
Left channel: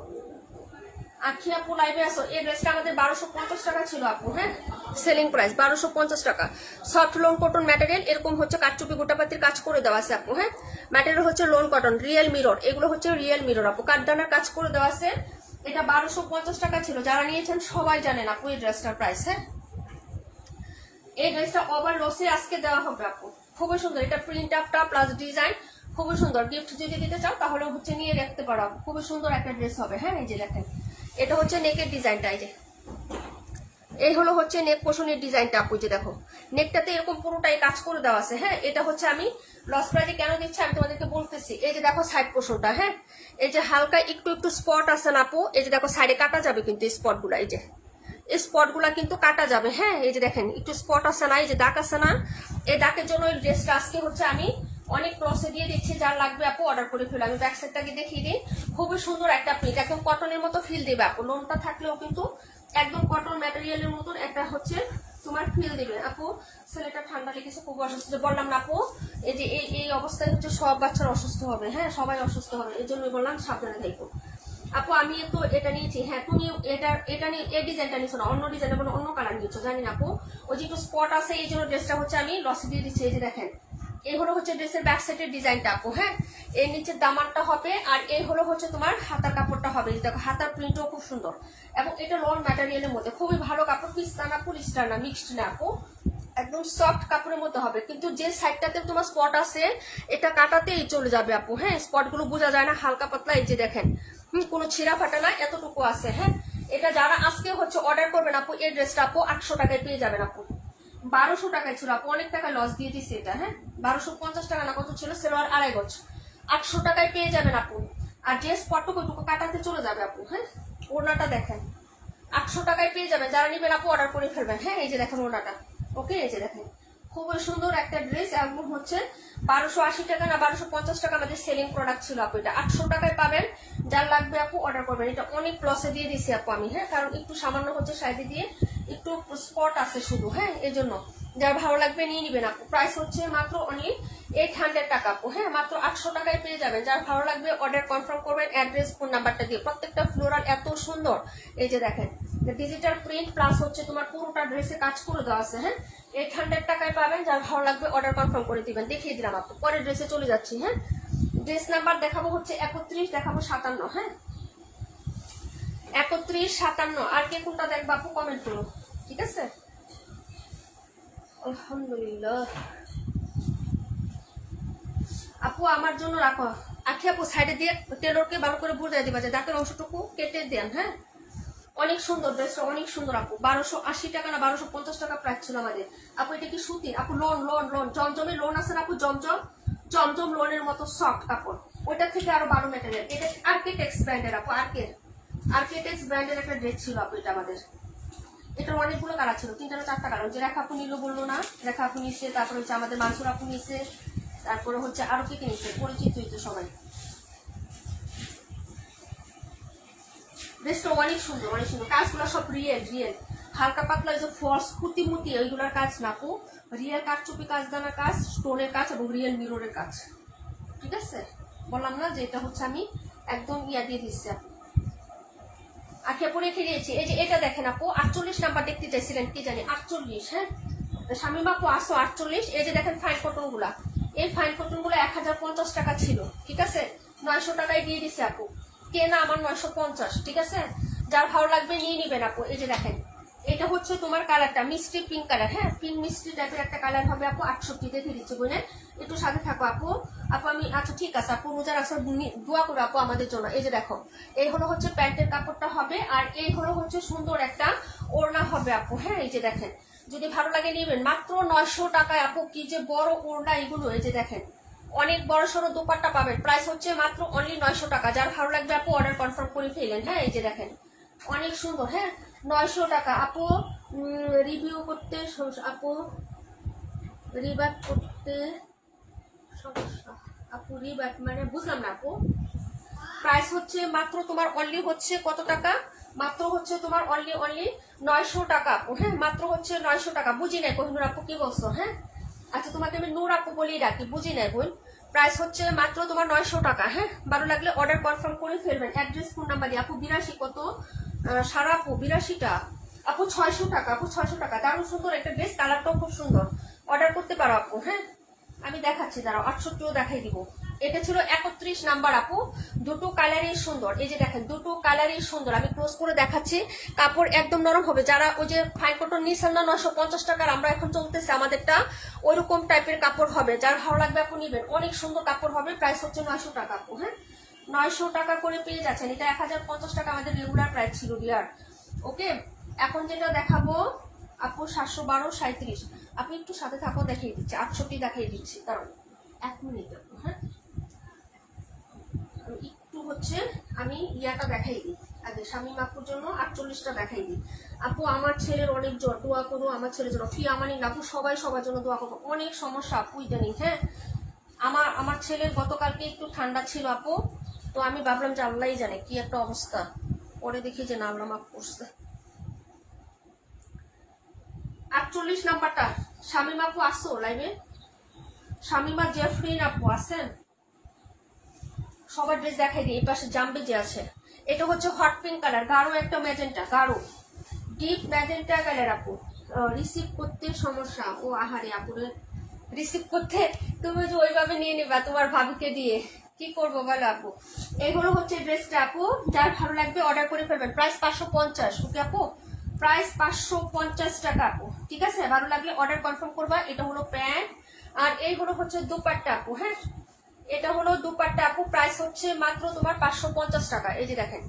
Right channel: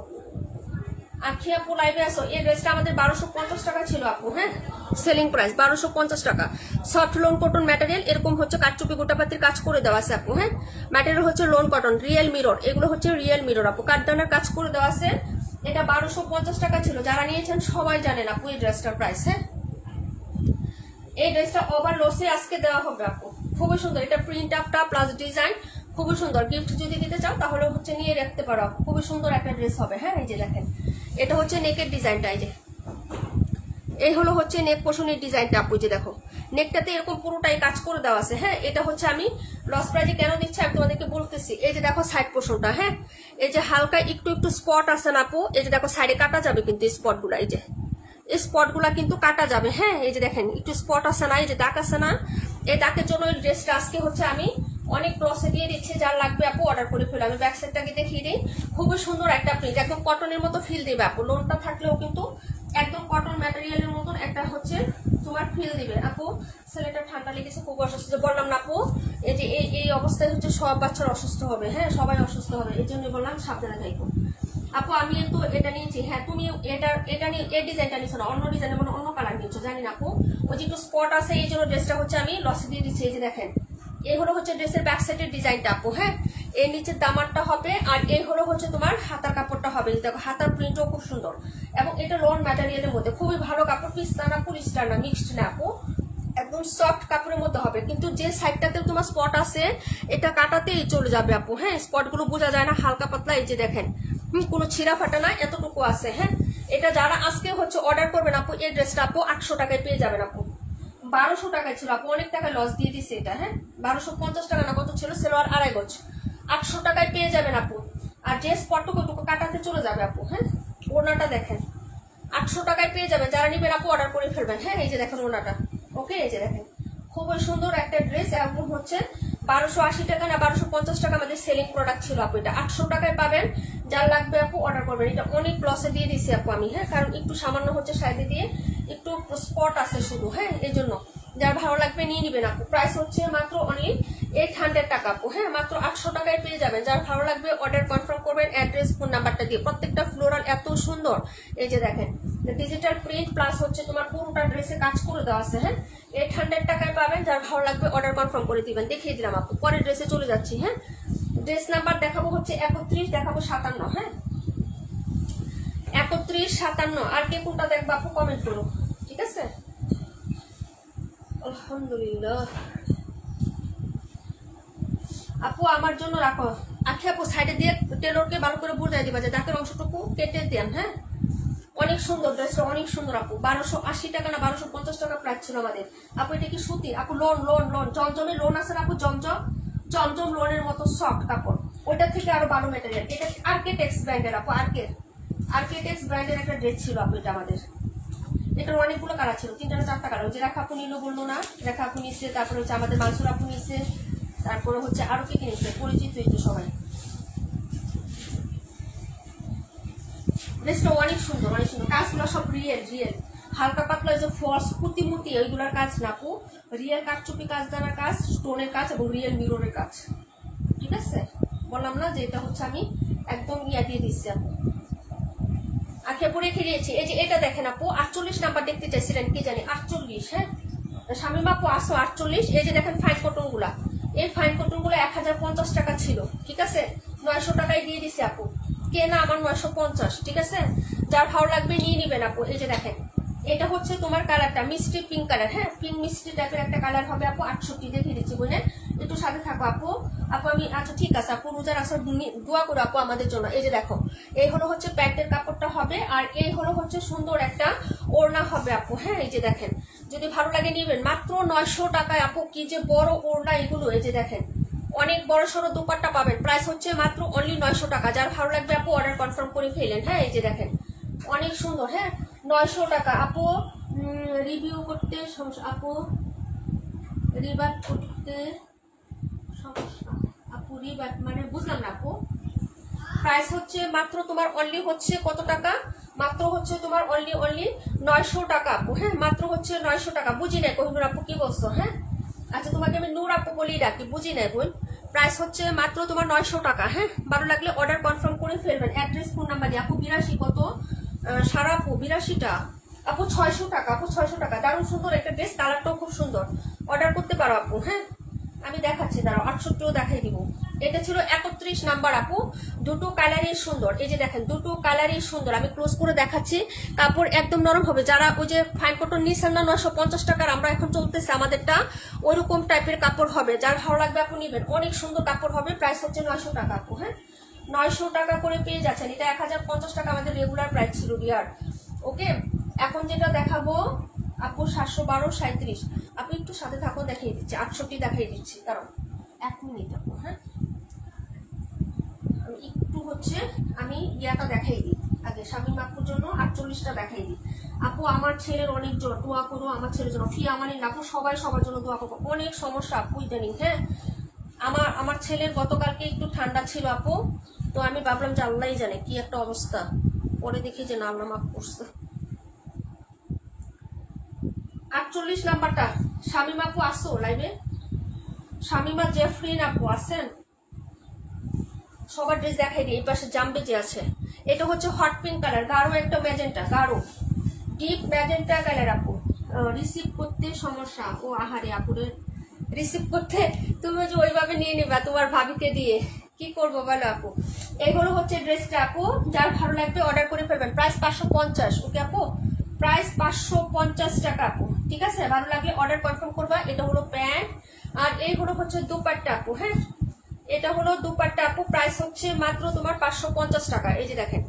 আখি আপু লাইভে আসো। এই ড্রেসটা আমাদের 1250 টাকা ছিল আপু। হ্যাঁ, সেলিং প্রাইস 1250 টাকা। সফট লোন কটন ম্যাটেরিয়াল, এরকম হচ্ছে কাটচুপি গোটাপাতির কাজ করে দেওয়া আছে আপু। হ্যাঁ, ম্যাটেরিয়াল হচ্ছে লোন কটন, রিয়েল মিরর, এগুলো হচ্ছে রিয়েল মিরর আপু, কাটদানার কাজ করে দেওয়া আছে। এটা 1250 টাকা ছিল, যারা নিয়েছেন সবাই জানেন আপু এই ড্রেসটার প্রাইস। হ্যাঁ, এই ড্রেসটা ওভার লসে আজকে দেওয়া হবে আপু, খুবই সুন্দর। এটা প্রিন্ট আপটা প্লাস ডিজাইন খুবই সুন্দর। গিফট যদি দিতে চাও তাহলে হচ্ছে নিয়ে রাখতে পারো, খুবই সুন্দর একটা ড্রেস হবে। হ্যাঁ, এই যে দেখেন এটা হচ্ছে নেকের ডিজাইনটা, এই যে এই হলো হচ্ছে নেক পোর্শনের ডিজাইনটা আপু। যে দেখো নেকটাতে এরকম পুরোটাই কাজ করে দেওয়া আছে। হ্যাঁ, এটা হচ্ছে আমি লস প্রাইজে কেন দিচ্ছি আমি তোমাদেরকে বলতেছি। এই যে দেখো সাইড পোর্শনটা, হ্যাঁ এই যে হালকা একটু স্পট আছে না আপু, এই যে দেখো সাইডে কাটা যাবে কিন্তু স্পট গুলা, এই যে এই স্পট গুলা কিন্তু কাটা যাবে। হ্যাঁ, এই যে দেখেন একটু স্পট আছে না, এই যে দাগ আছে না, এই দাগের জন্য এই ড্রেসটা আজকে হচ্ছে আমি অনেক ক্রসে দিয়ে দিচ্ছি। যার লাগবে আপু অর্ডার করে ফেলো। আমি ব্যাক সাইডটাকে দেখিয়ে দিই, খুবই সুন্দর একটা প্রিন্ট, একদম কটনের মতো ফিল দেবে আপু। লোনটা থাকলেও কিন্তু একদম কটন ম্যাটেরিয়ালের মতন একটা হচ্ছে তোমার ফিল দিবে আপু। ছেলেটা ঠান্ডা লেগেছে, খুব অসুস্থ, বললাম না আপু এই যে এই অবস্থায় হচ্ছে সব বাচ্চারা অসুস্থ হবে। হ্যাঁ, সবাই অসুস্থ হবে, এই জন্যই বললাম সাবধানে থাকবো আপু। আমি তো এটা নিয়েছি। হ্যাঁ, তুমি এটা নিয়ে এই ডিজাইনটা নিচ্ছ না, অন্য ডিজাইনের মানে অন্য কালার নিচ্ছ, জানি না আপু। ওই যে একটু স্পট আছে, এই জন্য ড্রেসটা হচ্ছে আমি লসে দিয়ে দিচ্ছি। এই যে দেখেন এই হলো হচ্ছে ড্রেসের ব্যাক সাইডের ডিজাইনটা আপু। হ্যাঁ, এর নিচের দামানটা হবে, আর এই হলো হচ্ছে তোমার হাতার কাপড়টা হবে। দেখো হাতার প্রিন্টও খুব সুন্দর, এবং এটা লন ম্যাটেরিয়ালের মধ্যে খুবই ভালো কাপড়। পিস্তা না পলিস্টার না, মিক্সড না আপু, একদম সফট কাপড়ের মধ্যে হবে। কিন্তু যে সাইডটাতে তোমার স্পট আছে এটা কাটাতেই চলে যাবে আপু। হ্যাঁ, স্পট গুলো বোঝা যায় না, হালকা পাতলা। এই যে দেখেন কোনো ছিঁড়া ফাটা না, এতটুকু আছে। হ্যাঁ, এটা যারা আজকে হচ্ছে অর্ডার করবেন আপু, এই ড্রেসটা আপু 800 টাকায় পেয়ে যাবেন আপু। 1200 টাকায় ছিল আপু, অনেক টাকা লস দিয়ে দিচ্ছে এটা। হ্যাঁ, 1250 টাকা না কত ছিল, সেলোয়ার 2.5 গজ, 800 টাকায় পেয়ে যাবেন আপু। আর যে স্পটটুকু কাটাতে চলে যাবে আপু। হ্যাঁ, ওনাটা দেখেন 800 টাকায় পেয়ে যাবেন, যারা নিবেন আপু অর্ডার করে ফেলবেন। হ্যাঁ, এই যে দেখেন ওনাটা। ওকে, এই যে দেখেন খুবই সুন্দর একটা ড্রেস, এবং হচ্ছে 1280 টাকা না 1250 টাকা আমাদের সেলিং প্রোডাক্ট ছিল আপু। এটা 800 টাকায় পাবেন, যার লাগবে আপু অর্ডার করবেন। এটা অনেক লসে দিয়ে দিচ্ছি আপু আমি। হ্যাঁ, কারণ একটু সামান্য হচ্ছে সাইডে দিয়ে একটু স্পট আছে শুধু। হ্যাঁ, এই জন্য যার ভালো লাগবে নিয়ে নিবেন আপু। প্রাইস হচ্ছে মাত্র অনলি 800 টাকা আপু। হ্যাঁ, মাত্র 800 টাকায় পেয়ে যাবেন। যার ভালো লাগবে অর্ডার কনফার্ম করবেন অ্যাড্রেস ফোন নাম্বারটা দিয়ে। প্রত্যেকটা ফ্লোরাল এত সুন্দর, এই যে দেখেন ডিজিটাল প্রিন্ট প্লাস হচ্ছে তোমার পুরোটা ড্রেসে কাজ করে দেওয়া আছে। হ্যাঁ, 800 টাকায় পাবেন। যার ভালো লাগবে অর্ডার কনফার্ম করে দিবেন। দেখিয়ে দিলাম আপু, পরের ড্রেসে চলে যাচ্ছি। হ্যাঁ, ড্রেস নাম্বার দেখাবো হচ্ছে 31, দেখাবো 57। হ্যাঁ, 31, 57। আর কে কোনটা দেখবো আপু কমেন্ট করো, ঠিক আছে? আলহামদুলিল্লাহ। আপু আমার জন্য রাখো। আখি আপু সাইডে দিয়ে টেলরকে ভালো করে বুঝাই দিবা যে দাঁতের অংশটুকু কেটে দেন। হ্যাঁ, অনেক সুন্দর ড্রেসটা, অনেক সুন্দর আপু। 1280 টাকা না 1250 টাকা প্রাইস ছিল আমাদের আপু। এটা কি সুতি আপু? লোন লোন লোন জমজমের লোন আছে না আপু, জমজম লোনের মতো সফট কাপড়, ওটা থেকে আরো ভালো ম্যাটেরিয়াল। এটা আর্কিটেক্স ব্র্যান্ডের আপু, আর্কিটেক্স ব্র্যান্ডের একটা ড্রেস ছিল আপু এটা আমাদের। এটার অনেকগুলো কালার ছিল, 3টা না 4টা কালার। যে রেখা আপু নীলু বললো না, রেখা আপু নিচ্ছে, তারপরে হচ্ছে আমাদের মানসুর আপু নিচ্ছে, তারপরে হচ্ছে আরো কি নিচ্ছে, পরিচিত হইতো সবাই। ড্রেসটা অনেক সুন্দর, অনেক সুন্দর। কাজগুলো সব রিয়েল রিয়েল, হালকা পাতলা যে ফলস পুঁতি মুতি ওইগুলোর কাজ না আপু, রিয়েল কাঠচুপি কাজ দানার কাজ, স্টোনের কাজ এবং রিয়েল মিররের কাজ। ঠিক আছে, বললাম না যে এটা হচ্ছে আমি একদম ইয়া দিয়ে দিচ্ছি আপু। আখে পরে খেয়েছি। এই যে এটা দেখেন আপু, 48 নাম্বার দেখতে চাইছিলেন কি জানি, 48। হ্যাঁ শামিম আপু আসো 48। এই যে দেখেন ফাইন কটন গুলা, এই ফাইন কটন গুলো 1050 টাকা ছিল। ঠিক আছে, 900 টাকায় দিয়ে দিছে আপু। কে না আমার 950। ঠিক আছে, যার ভালো লাগবে নিয়ে নিবেন আপু। এই যে দেখেন, এটা হচ্ছে তোমার কালারটা মিষ্টি পিঙ্ক কালার। হ্যাঁ, পিঙ্ক মিষ্টি টাইপের একটা কালার হবে আপু। 68 দেখে দিচ্ছি বোনের, একটু সাথে থাকো আপু। আপু আমি আচ্ছা ঠিক আছে আপু, রোজার আসার দোয়া করো আপু আমাদের জন্য। এই যে দেখো, এই হলো হচ্ছে প্যান্টের কাপড়টা হবে, আর এই হলো হচ্ছে সুন্দর একটা ওড়না হবে আপু। হ্যাঁ, এই যে দেখেন, যদি ভালো লাগে নিবেন। মাত্র 900 টাকায় আপু, কি যে বড় ওড়না এগুলো। এই যে দেখেন, অনেক বড় সড়ো দোপাট্টা পাবেন। প্রাইস হচ্ছে মাত্র অনলি 900 টাকা। যার ভালো লাগবে আপু অর্ডার কনফার্ম করে ফেলেন। হ্যাঁ, এই যে দেখেন অনেক সুন্দর। হ্যাঁ, 900 টাকা আপু। রিভিউ করতে আপু, রিবাট করতে সমস্যা আপু, রিবাট মানে বুঝলাম না আপু। প্রাইস হচ্ছে মাত্র তোমার অনলি হচ্ছে কত টাকা? মাত্র হচ্ছে তোমার অনলি 900 টাকা আপু। হ্যাঁ, মাত্র হচ্ছে 900 টাকা। বুঝি নাই কোহিনুর আপু কি বলছো? হ্যাঁ, আচ্ছা তোমাকে আমি নূর আপু বলি ডাকি, বুঝি নাই বোন। প্রাইস হচ্ছে মাত্র তোমার 900 টাকা। হ্যাঁ, ভালো লাগলে অর্ডার কনফার্ম করে ফেলবেন। অ্যাড্রেস ফোন নাম্বার দিয়ে আপু। 82 কত সারা আপু? 82টা আপু 600 টাকা আপু, 600 টাকা। দারুণ সুন্দর একটা ড্রেস, কালারটাও খুব সুন্দর। অর্ডার করতে পারো আপু। হ্যাঁ, আমি দেখাচ্ছি, দাঁড়াও 68ও দেখাই দিব। এটা ছিল 31 নাম্বার আপু। দুটো কালারই সুন্দর। এই যে দেখেন, দুটো কালারই সুন্দর। আমি ক্লোজ করে দেখাচ্ছি। কাপড় একদম নরম হবে। যারা ওই যে ফাইন কটন নিচ্ছেন না 950 টাকার, আমরা এখন চলতেছে আমাদেরটা ওইরকম টাইপের কাপড় হবে। যার ভালো লাগবে আপু নিবেন। অনেক সুন্দর কাপড় হবে। প্রাইস হচ্ছে 900 টাকা আপু। হ্যাঁ, 900 টাকা করে পেয়ে যাচ্ছেন। এটা 1050 টাকা আমাদের রেগুলার প্রাইস ছিল ডিয়ার। ওকে, এখন যেটা দেখাবো আপু 712 37। আপনি একটু সাথে থাকো, দেখিয়ে দিচ্ছি। 68 দেখাই দিচ্ছি, কারণ 1 মিনিট আপু। হ্যাঁ, আমি একটু হচ্ছে আমি ইয়াটা দেখাই দিই আগে। শামিম আপুর জন্য 48টা দেখাই দিই আপু। আমার ছেলের অনেক জ্বর, দোয়া করো আমার ছেলের জন্য। ফি আমানি না আপু, সবাই সবার জন্য দোয়া করবো। অনেক সমস্যা আপু ইদানিং। হ্যাঁ, আমার ছেলের গতকালকে একটু ঠান্ডা ছিল আপু, তো আমি ভাবলাম যে আল্লাহই জানে কি একটা অবস্থা। পরে দেখি যে না, আল্লাহ মাফ করছে। 48 নাম্বারটা শামিম আপু আসো লাইভে। শামিমা জেফরিন আপু আছেন? সবার ড্রেস দেখাই দিই। এই পাশে জাম্বে যে আছে, এটা হচ্ছে হট পিঙ্ক কালার, গাঢ় একটা ম্যাজেন্টা, গাঢ় ডিপ ম্যাজেন্টা কালার আপু। রিসিভ করতে সমস্যা? ও আহারে আপুরে, রিসিভ করতে তুমি যে ওইভাবে নিয়ে নিবা তোমার ভাবিকে দিয়ে, কি করবো বলো আপু। এগুলো হচ্ছে ড্রেসটা আপু। যার ভালো লাগবে অর্ডার করে ফেলবেন। প্রাইস 550। ওকে আপু, প্রাইস 550 টাকা আপু। ঠিক আছে, ভালো লাগলে অর্ডার কনফার্ম করবা। এটা হলো প্যান্ট, আর এই হলো হচ্ছে দুপাট্টা আপু। হ্যাঁ, এটা হলো দুপাট্টা আপু। প্রাইস হচ্ছে মাত্র তোমার 550 টাকা। এই যে দেখেন,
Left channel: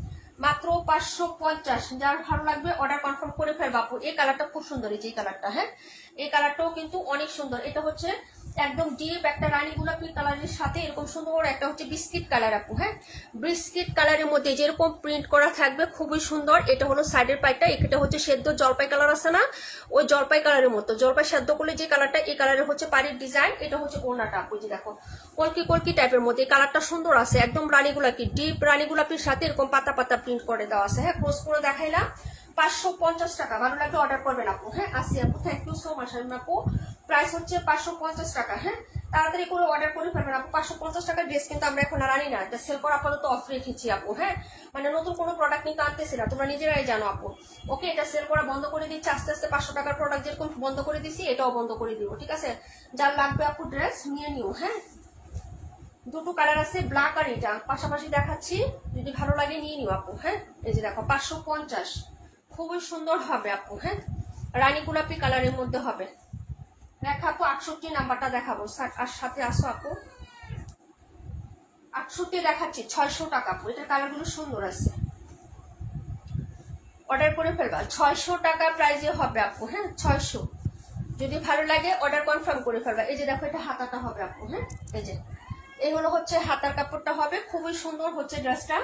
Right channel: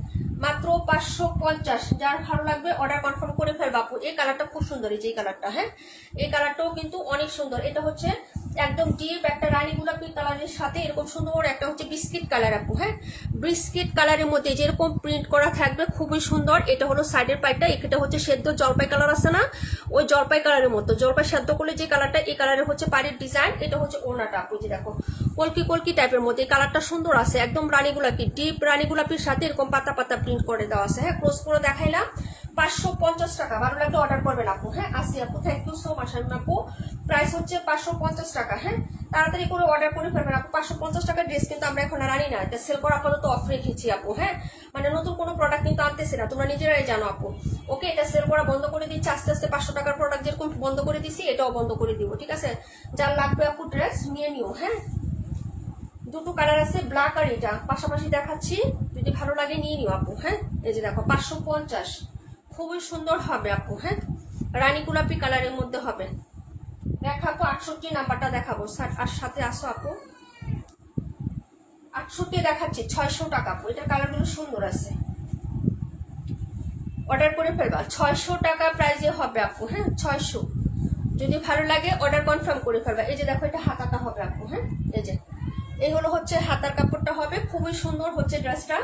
মাত্র 550। যার ভালো লাগবে অর্ডার কনফার্ম করে ফেলবা আপু। এই কালারটা খুব সুন্দর, এই যে কালারটা। হ্যাঁ, এই কালারটাও কিন্তু অনেক সুন্দর। এটা হচ্ছে একদম ডিপ একটা রানী গোলাপি কালারের সাথে এরকম সুন্দর একটা হচ্ছে বিস্কিট কালার আপু। হ্যাঁ, বিস্কিট কালারের মধ্যে যেরকম প্রিন্ট করা থাকবে, খুবই সুন্দর। এটা হলো সাইডের পাইটা। এটা হচ্ছে সেদ্ধ জলপাই কালার আছে না, ওই জলপাই কালারের মতো, জলপাই সেদ্ধ করলে যে কালারটা, এই কালারের হচ্ছে পাড়ির ডিজাইন। এটা হচ্ছে ওড়নাটা আপু। যে দেখো কলকি কলকি টাইপের মধ্যে, এই কালারটা সুন্দর আছে। একদম রানী গোলাপি, ডিপ রানী গোলাপির সাথে এরকম পাতা পাতা প্রিন্ট করে দেওয়া আছে। হ্যাঁ, ক্লোজ করে দেখাইলাম। 550 টাকা। ভালো লাগলে অর্ডার করবেন আপু। হ্যাঁ, আসি আপু, থ্যাংক ইউ সো মাচ আপু। প্রাইস হচ্ছে 550 টাকা। হ্যাঁ, তাড়াতাড়ি করে অর্ডার করে ফেলবেন আপু। 550 টাকার ড্রেস কিন্তু আমরা এখন আর আনি না, এটা সেল করা আপাতত অফ রেখেছি আপু। হ্যাঁ, মানে নতুন কোনো প্রোডাক্ট কিন্তু আনতেছি না, তোমরা নিজেরাই জানো আপু। ওকে, এটা সেল করা বন্ধ করে দিচ্ছি আস্তে আস্তে। 500 টাকার প্রোডাক্ট যেরকম বন্ধ করে দিচ্ছি, এটাও বন্ধ করে দিব। ঠিক আছে, যার লাগবে আপু ড্রেস নিয়ে নিও। হ্যাঁ, দুটো কালার আছে, ব্ল্যাক আর এটা পাশাপাশি দেখাচ্ছি, যদি ভালো লাগে নিয়ে নিও আপু। হ্যাঁ, এই যে দেখো 550, খুবই সুন্দর হবে আপু। হ্যাঁ, রানী গোলাপি কালারের মধ্যে হবে। দেখাবো 68 নাম্বারটা দেখাবো আর সাথে আসো আপু 68 দেখাচ্ছি 600 টাকা আপু। এটা কালারগুলো সুন্দর আছে, অর্ডার করে ফেলবা 600 টাকা প্রাইজে হবে আপু। হ্যাঁ 600, যদি ভালো লাগে অর্ডার কনফার্ম করে ফেলবা। এই যে দেখো এটা হাতাটা হবে আপু। হ্যাঁ এই যে এই হলো হচ্ছে হাতার কাপড়টা হবে, খুবই সুন্দর হচ্ছে ড্রেসটা।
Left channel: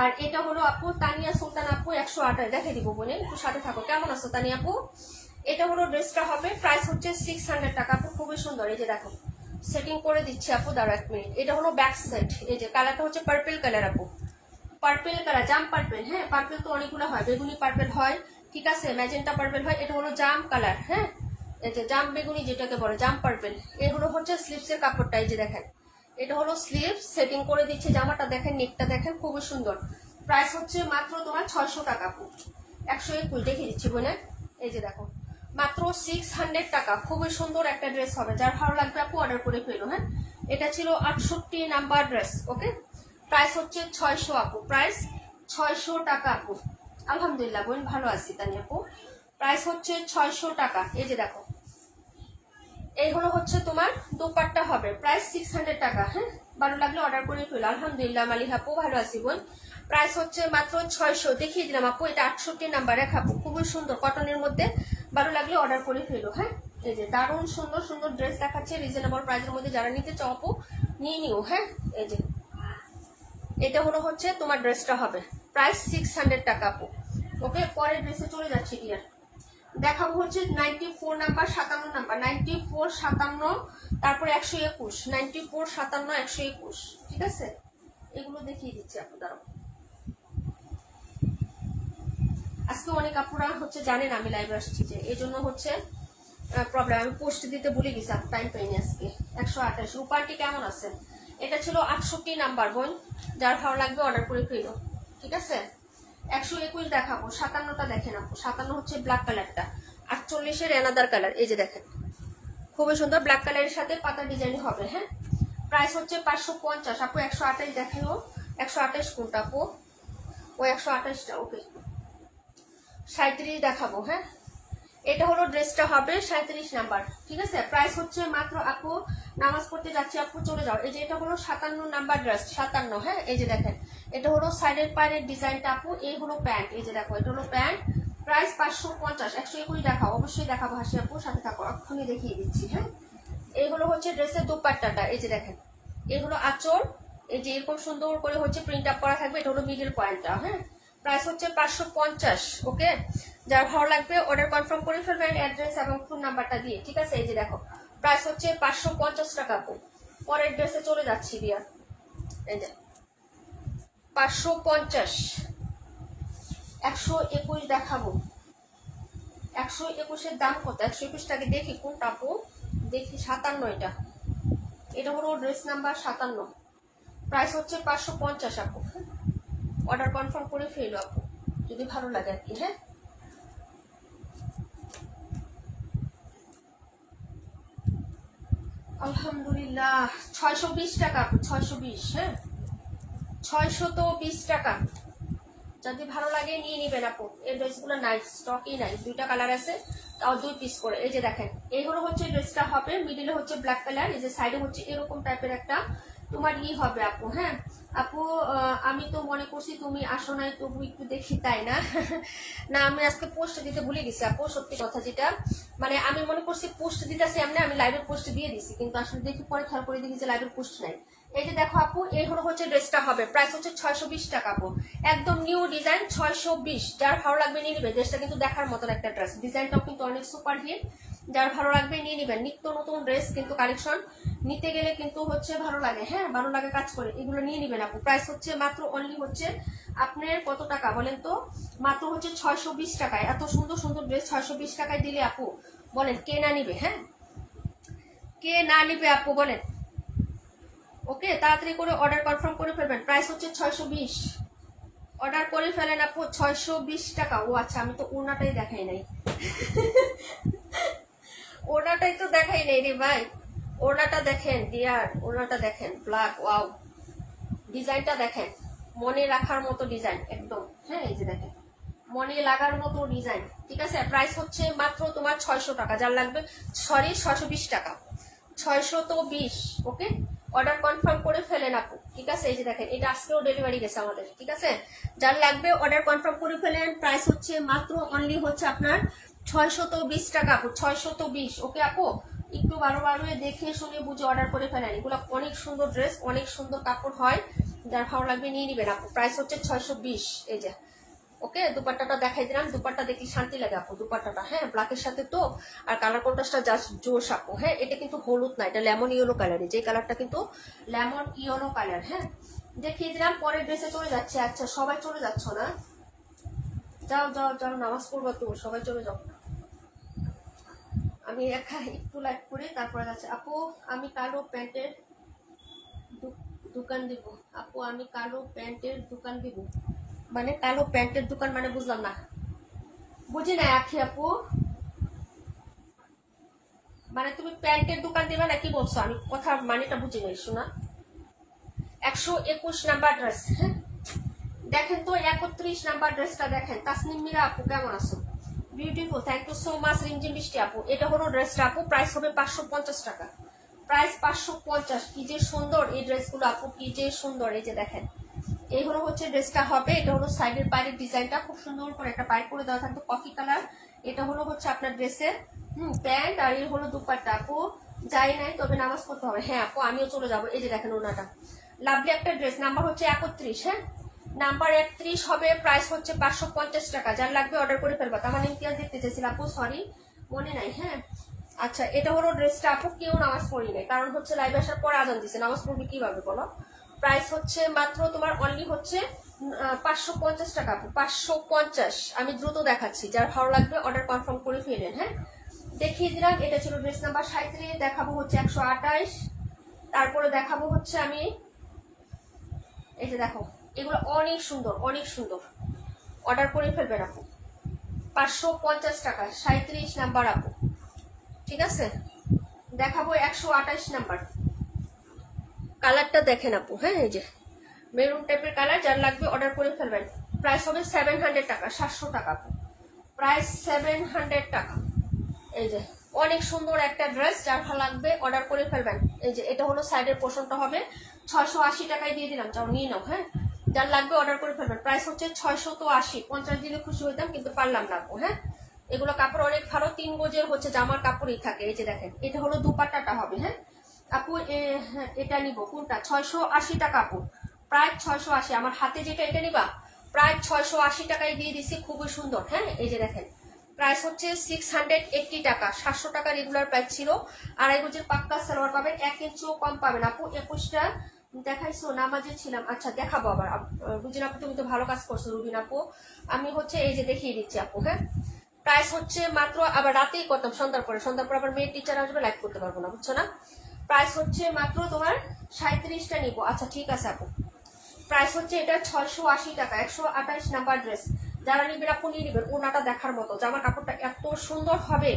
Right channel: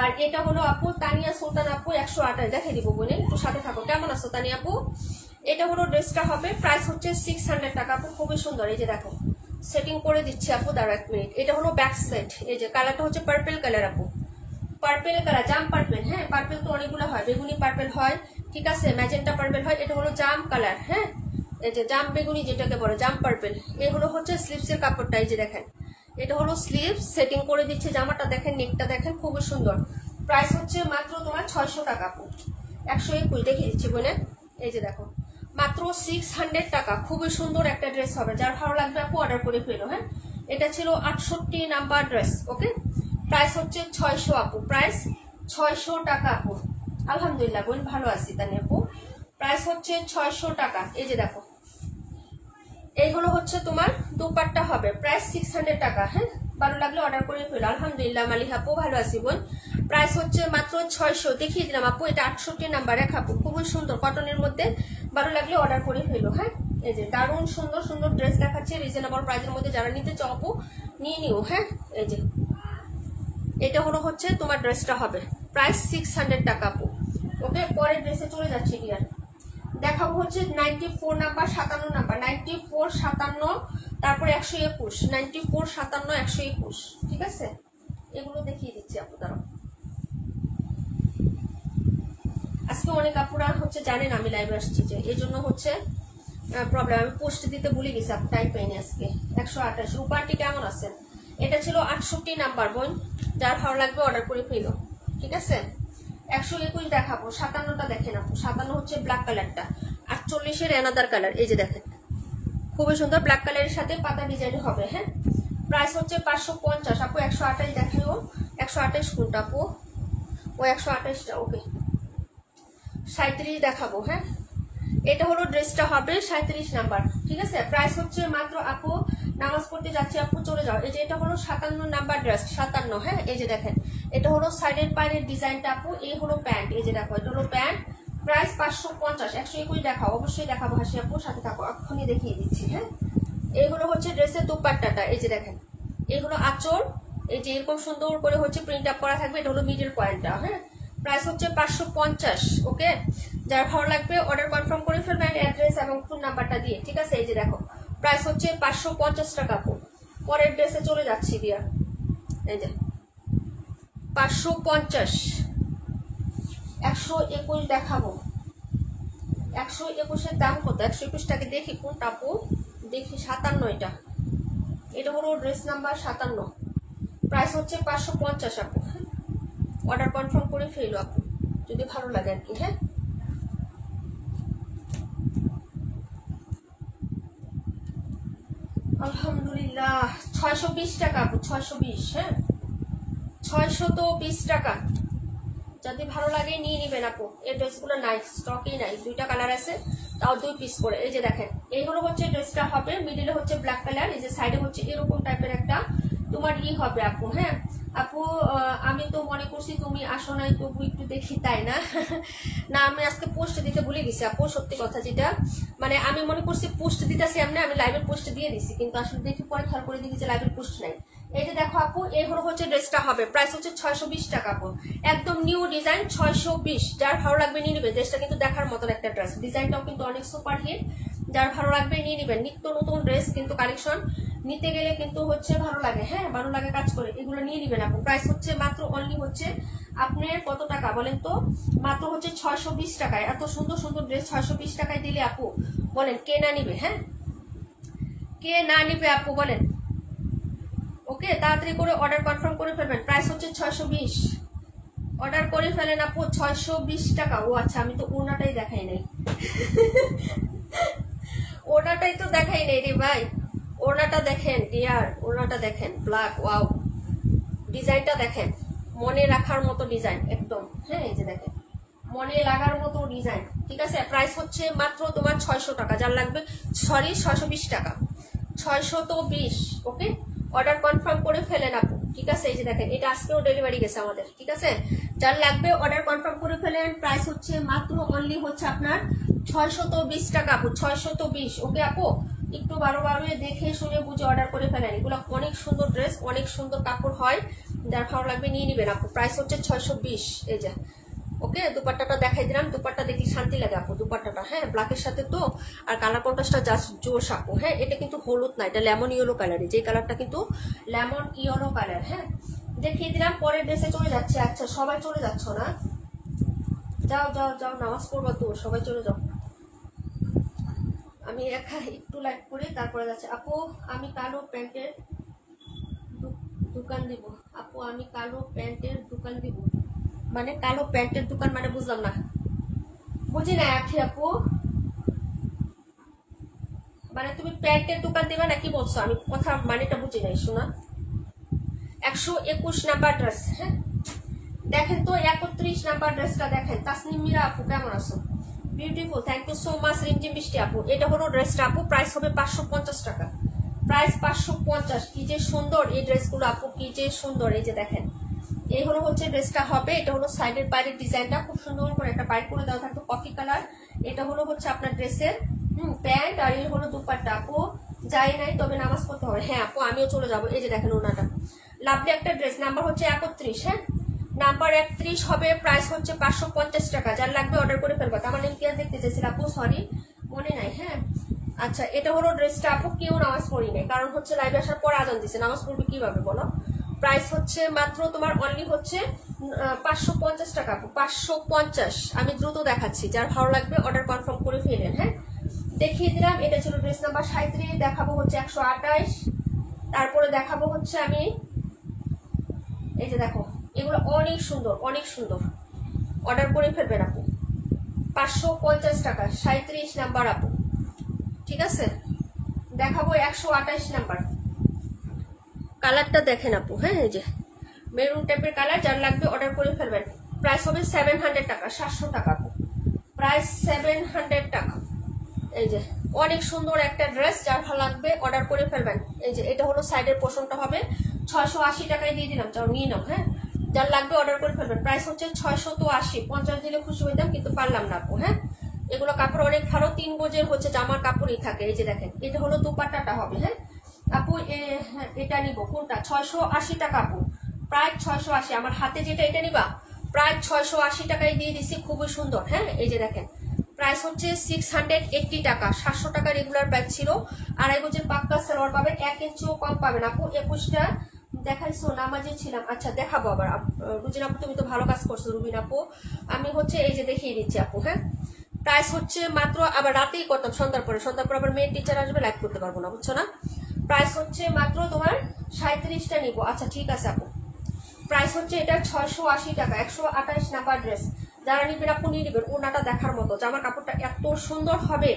আর এটা হলো আপু তানিয়া সুলতান আপু 128 দেখাই দিব বোনে, একটু সাথে থাকো। কেমন আছো তানিয়া আপু? এটা হলো ড্রেসটা হবে, প্রাইস হচ্ছে 600 টাকা আপু। খুবই সুন্দর, এই যে দেখো সেটিং করে দিচ্ছি আপু, দাঁড়া 1 মিনিট। এটা হলো ব্যাক সেট, এই যে কালারটা হচ্ছে পার্পল কালার আপু, পার্পল কালার, জাম পার্পল। হ্যাঁ পার্পল তো অনেকগুলো হয়, বেগুনি পার্পল হয়, ঠিক আছে, ম্যাজেন্টা পার্পল হয়, এটা হলো জাম কালার। হ্যাঁ এই যে জাম বেগুনি যেটাকে বলে জাম পার্পল। এই হলো হচ্ছে স্লিভসের কাপড়টা, এই যে দেখেন এটা হলো স্লিভ, সেটিং করে দিচ্ছে জামাটা, দেখেন নেকটা দেখেন খুবই সুন্দর। প্রাইস হচ্ছে মাত্র তোমার 600 টাকা আপু। 121 দেখে দিচ্ছি বলে, এই যে দেখো মাত্র 600 টাকা। খুবই সুন্দর একটা ড্রেস হবে, যার ভালো লাগবে আপু অর্ডার করে ফেলো। হ্যাঁ এটা ছিল 68 নাম্বার ড্রেস। ওকে প্রাইস হচ্ছে 600 আপু, প্রাইস 600 টাকা আপু। আলহামদুলিল্লাহ বোন ভালো আছি তানি আপু। প্রাইস হচ্ছে 600 টাকা। এই যে দেখো এই হলো হচ্ছে তোমার দোপাট্টা হবে, প্রাইস 600 টাকা। হ্যাঁ ভালো লাগলে অর্ডার করে ফেলো। আলহামদুলিল্লাহ মালিক আপু ভালো আছি বোন। প্রাইস হচ্ছে মাত্র 600 দেখিয়ে দিলাম আপু। এটা 68 নাম্বার দেখাবো, খুবই সুন্দর কটনের মধ্যে, ভালো লাগলে অর্ডার করে ফেলো। হ্যাঁ এই যে দারুণ সুন্দর সুন্দর ড্রেস দেখাচ্ছে রিজনেবল প্রাইসের মধ্যে, যারা নিতে চাও আপু নিয়ে নিও। হ্যাঁ এই যে এটা হলো হচ্ছে তোমার ড্রেসটা হবে, প্রাইস 600 টাকা আপু। ওকে পরের ড্রেসে চলে যাচ্ছি ডিয়ার, দেখাবো হচ্ছে 94 নাম্বার 57 নাম্বার, 94 57 তারপর 121, 94 57 121, ঠিক আছে এগুলো দেখিয়ে দিচ্ছি আপু। দাঁড়াও আজকে অনেক আপুরা হচ্ছে জানেন আমি লাইভে আসছি, যে এই জন্য হচ্ছে প্রবলেম, আমি পোস্ট দিতে ভুলে গেছি আপু, টাইম পাইনি আজকে। 128 রূপাটি কেমন আছেন? এটা ছিল 68 নাম্বার বোন, যার ভালো লাগবে অর্ডার করে ফেলো, ঠিক আছে। 121 দেখাবো, 57টা দেখেন আপু। 57 হচ্ছে ব্ল্যাক কালারটা, 48 অ্যানাদার কালার, এই যে দেখেন খুবই সুন্দর ব্ল্যাক কালারের সাথে পাতা ডিজাইন হবে। হ্যাঁ প্রাইস হচ্ছে 550 আপু। 128 দেখাইও, 128 কোনটা আপু? ও 128টা। ওকে 37 দেখাবো। হ্যাঁ এটা হলো ড্রেসটা হবে 37 নাম্বার, ঠিক আছে। প্রাইস হচ্ছে মাত্র আপু, নামাজ পড়তে যাচ্ছি আপু চলে যাও। এই যে এটা হলো 57 নাম্বার ড্রেস, 57। হ্যাঁ এই যে দেখেন এটা হলো সাইডের পায়ের ডিজাইনটা আপু, এই হলো প্যান্ট, এই যে দেখো এটা হলো প্যান্ট, প্রাইস 550। 121 দেখাও, অবশ্যই দেখাবো হাসি আপু, সাথে থাকো, এক্ষুনি দেখিয়ে দিচ্ছি। হ্যাঁ এই হলো হচ্ছে ড্রেসের দোপাট্টাটা, এই যে দেখেন এই হলো আঁচল, এই যে এরকম সুন্দর করে হচ্ছে প্রিন্ট আপ করা থাকবে, এটা হলো মিডল পয়েন্টটা। হ্যাঁ প্রাইস হচ্ছে 550। ওকে যার ভালো লাগবে অর্ডার কনফার্ম করে ফেলবেন অ্যাড্রেস এবং ফোন নাম্বারটা দিয়ে, ঠিক আছে। এই যে দেখো প্রাইস হচ্ছে 550 টাকা আপু। পরের ড্রেসে চলে যাচ্ছি বিয়ার, এই যে 550। 121 দেখাবো, 121 এর দাম কত? 121 টাকে দেখি কোনটা আপু, দেখি 57 এটা, এটা হলো ড্রেস নাম্বার 57, প্রাইস হচ্ছে 550 আপু। অর্ডার কনফার্ম করে ফেলো আপু যদি ভালো লাগে আর কি। হ্যাঁ আলহামদুলিল্লাহ 620 টাকা আপু, 620। হ্যাঁ 620 টাকা, যদি ভালো লাগে নিয়ে নিবেন আপু। এই ড্রেসগুলো নাই, স্টকেই নাই, 2টা কালার আছে, তাও 2 পিস করে। এই যে দেখেন এই হলো হচ্ছে ড্রেসটা হবে, মিডিলে হচ্ছে ব্ল্যাক কালার, এই যে সাইডে হচ্ছে এরকম টাইপের একটা তোমার হবে আপু। হ্যাঁ আপু আমি তো মনে করছি তুমি আসো নাই, তবু একটু দেখি, তাই না? না আমি আজকে পোস্ট দিতে ভুলে গেছি আপু, সত্যি কথা যেটা, মানে আমি মনে করছি পোস্ট দিতেছি আমি লাইভের পোস্ট দিয়ে দিছি, কিন্তু আসলে দেখি পরে খেয়াল করে দেখি যে লাইভের পোস্ট নাই। এই যে দেখো আপু এই হলো হচ্ছে ড্রেসটা হবে, প্রাইস হচ্ছে 620 টাকা আপু, একদম নিউ ডিজাইন 620। যার ভালো লাগবে নিয়ে নিবে, ড্রেসটা কিন্তু দেখার মতন একটা ড্রেস, ডিজাইনটাও কিন্তু অনেক সুপার হিট, যার ভালো লাগবে নিয়ে নিবেন। নিত্য নতুন ড্রেস কিন্তু কালেকশন নিতে গেলে কিন্তু হচ্ছে ভালো লাগে, হ্যাঁ ভালো লাগে কাজ করে, এগুলো নিয়ে নিবেন আপু। প্রাইস হচ্ছে মাত্র অনলি হচ্ছে আপনার কত টাকা বলেন তো, মাত্র হচ্ছে 620 টাকায়। এত সুন্দর সুন্দর ড্রেস 620 টাকায় দিলে আপু বলেন কে না নিবে? হ্যাঁ কে না নিবে আপু বলেন? ওকে তাড়াতাড়ি করে অর্ডার কনফার্ম করে ফেলবেন, প্রাইস হচ্ছে 620। অর্ডার করে ফেলেন আপু 620 টাকা। ও আচ্ছা আমি তো ওড়নাটাই দেখাই নাই, ওড়নাটাই তো দেখাই নাই রে ভাই। ওড়নাটা দেখেন ডিয়ার, ওড়নাটা দেখেন ব্ল্যাক, ওয়াও ডিজাইনটা দেখেন, মনে রাখার মতো ডিজাইন একদম। হ্যাঁ এই যে দেখেন মনে লাগার মতো ডিজাইন, ঠিক আছে। প্রাইস হচ্ছে মাত্র তোমার 600 টাকা, যার লাগবে, সরি 620 টাকা, 620। ওকে, অর্ডার কনফার্ম করে ফেলেন আপু, ঠিক আছে। এই যে দেখেন, এটা আজকেও ডেলিভারি গেছে আমাদের, ঠিক আছে। যার লাগবে অর্ডার কনফার্ম করে ফেলেন। প্রাইস হচ্ছে মাত্র অনলি হচ্ছে আপনার 620 টাকা আপু, 620। ওকে আপু, একটু বারো দেখে শুনে বুঝে অর্ডার করে ফেলেন। এগুলো অনেক সুন্দর ড্রেস, অনেক সুন্দর কাপড় হয়, যার ভালো লাগবে নিয়ে নিবেন আপু। প্রাইস হচ্ছে 620। এই যে ওকে, দুপাট্টাটা দেখাই দিলাম, দুপাট্টা দেখি শান্তি লাগে আপু দুপাট্টাটা, হ্যাঁ, ব্ল্যাকের সাথে তো, আর কালার কন্ট্রাস্টটা জাস্ট জোশ আপু, হ্যাঁ। এটা কিন্তু হলুদ না, এটা লেমন ইয়েলো কালারের, যে কালারটা কিন্তু লেমন ইয়েলো কালার, হ্যাঁ। দেখিয়ে দিলাম, পরের ড্রেসে চলে যাচ্ছে। আচ্ছা, সবাই চলে যাচ্ছ না? যাও যাও যাও, নামাজ পড়বো তো, সবাই চলে যাও। আমি একা একটু লাইট করে তারপরে যাচ্ছে। আপু আমি কালো প্যান্টের দোকান দিব, আপু আমি কালো প্যান্টের দোকান দিব, মানে কালো প্যান্টের দোকান মানে বুঝলাম না, বুঝি নাই আখি আপু, মানে তুমি প্যান্টের দোকান দিবে না কি বলছো? আমি কথা মানেটা বুঝি নাই শোনা। 121 নাম্বার ড্রেস, হ্যাঁ দেখেন তো, 31 নাম্বার ড্রেসটা দেখেন। তাসনিম মিরা আপু কেমন আছো? Beautiful, thank you so much Rimjhim Brishti আপু। এটা হলো ড্রেসটা আপু, প্রাইস হবে 550 টাকা, প্রাইস 550। কি যে সুন্দর এই ড্রেসগুলো আপু, কি যে সুন্দর। এই যে দেখেন, এই হলো হচ্ছে ড্রেসটা হবে। এটা হলো সাইডের বাইরের ডিজাইনটা, খুব সুন্দর করে একটা বাইর করে দেওয়া থাকতো কফি কালার। এটা হলো হচ্ছে আপনার ড্রেসের প্যান্ট, আর এই হলো দুপাট্টা। আপু যাই নাই, তবে নামাজ পড়তে হবে। হ্যাঁ আপু, আমিও চলে যাবো। এই যে দেখেন ওনাটা, লাভলি একটা ড্রেস, নাম্বার হচ্ছে 31, হ্যাঁ নাম্বার 31 হবে। প্রাইস হচ্ছে 550 টাকা, যার লাগবে অর্ডার করে ফেলবা। তার মানে ইতিহাস দেখতে চাইছিল আপু, সরি মনে নাই, হ্যাঁ। আচ্ছা, এটা হলো ড্রেসটা আপু, কেউ নামাজ পড়ি নাই, কারণ হচ্ছে লাইভে আসার পর আজান দিছে, নামাজ পড়বে কিভাবে বলো। প্রাইস হচ্ছে মাত্র তোমার অনলি হচ্ছে 550 টাকা আপু, 550। আমি দ্রুত দেখাচ্ছি, যার ভালো লাগবে অর্ডার কনফার্ম করে ফেলেন, হ্যাঁ। দেখিয়ে দিলাম, এটা ছিল ড্রেস নাম্বার 37। দেখাবো হচ্ছে 128, তারপরে দেখাবো হচ্ছে আমি, এই যে দেখো, এগুলো অনেক সুন্দর, অনেক সুন্দর, অর্ডার করে ফেলবেন আপু। 550 টাকা, 37 নাম্বার আপু, ঠিক আছে। দেখাবো 128 নাম্বার, কালারটা দেখেন আপু, হ্যাঁ এই যে মেরুন টাইপের কালার, যার লাগবে অর্ডার করে ফেলবেন। প্রাইস হবে 700 টাকা, 700 টাকা আপু, প্রাইস 700 টাকা। এই যে অনেক সুন্দর একটা ড্রেস, যার ভালো লাগবে অর্ডার করে ফেলবেন। এই যে এটা হলো সাইডের পোর্শনটা হবে, 680 টাকায় দিয়ে দিলাম, যাও নিয়ে নাও, হ্যাঁ যার লাগবে অর্ডার করে ফেলবেন। প্রাইস হচ্ছে 680, 50 দিলে খুশি হইতাম, কিন্তু পারলাম না আপু, হ্যাঁ। এগুলো কাপড় অনেক ভালো, 3 গজের হচ্ছে জামার কাপড়ই থাকে। এই যে দেখেন, এটা হলো দুপাট্টাটা হবে, হ্যাঁ আপু এটা নিব কোনটা? 680 টাকা আপু, প্রায় 680। আমার হাতে যেটা এটা নিবা, প্রায় 680 টাকায় দিয়ে দিচ্ছি, খুবই সুন্দর, হ্যাঁ। এই যে দেখেন, প্রাইস হচ্ছে 680 টাকা, 700 টাকা রেগুলার প্রাইস ছিল। 2.5 গজের পাক্কা সালোয়ার পাবেন, 1 ইঞ্চিও কম পাবেন আপু। 21টা দেখাইছো, নামাজে ছিলাম। আচ্ছা দেখাবো আবার, রুজিন আপু তুমি তো ভালো কাজ করছো রুবিন আপু। আমি হচ্ছে এই যে দেখিয়ে দিচ্ছি আপু, হ্যাঁ। প্রাইস হচ্ছে মাত্র, আবার রাতেই করতাম, সন্ধ্যার পরে আবার মেয়ের টিচার আসবে, লাইভ করতে পারবো না, বুঝছো না। প্রাইস হচ্ছে মাত্র তোমার 37টা নিবো। আচ্ছা ঠিক আছে আপু, প্রাইস হচ্ছে এটা 680 টাকা, 128 নাম্বার ড্রেস। যারা নিবেন আপু নিয়ে নিবেন, ওনাটা দেখার মতো, জামার কাপড়টা এত সুন্দর হবে,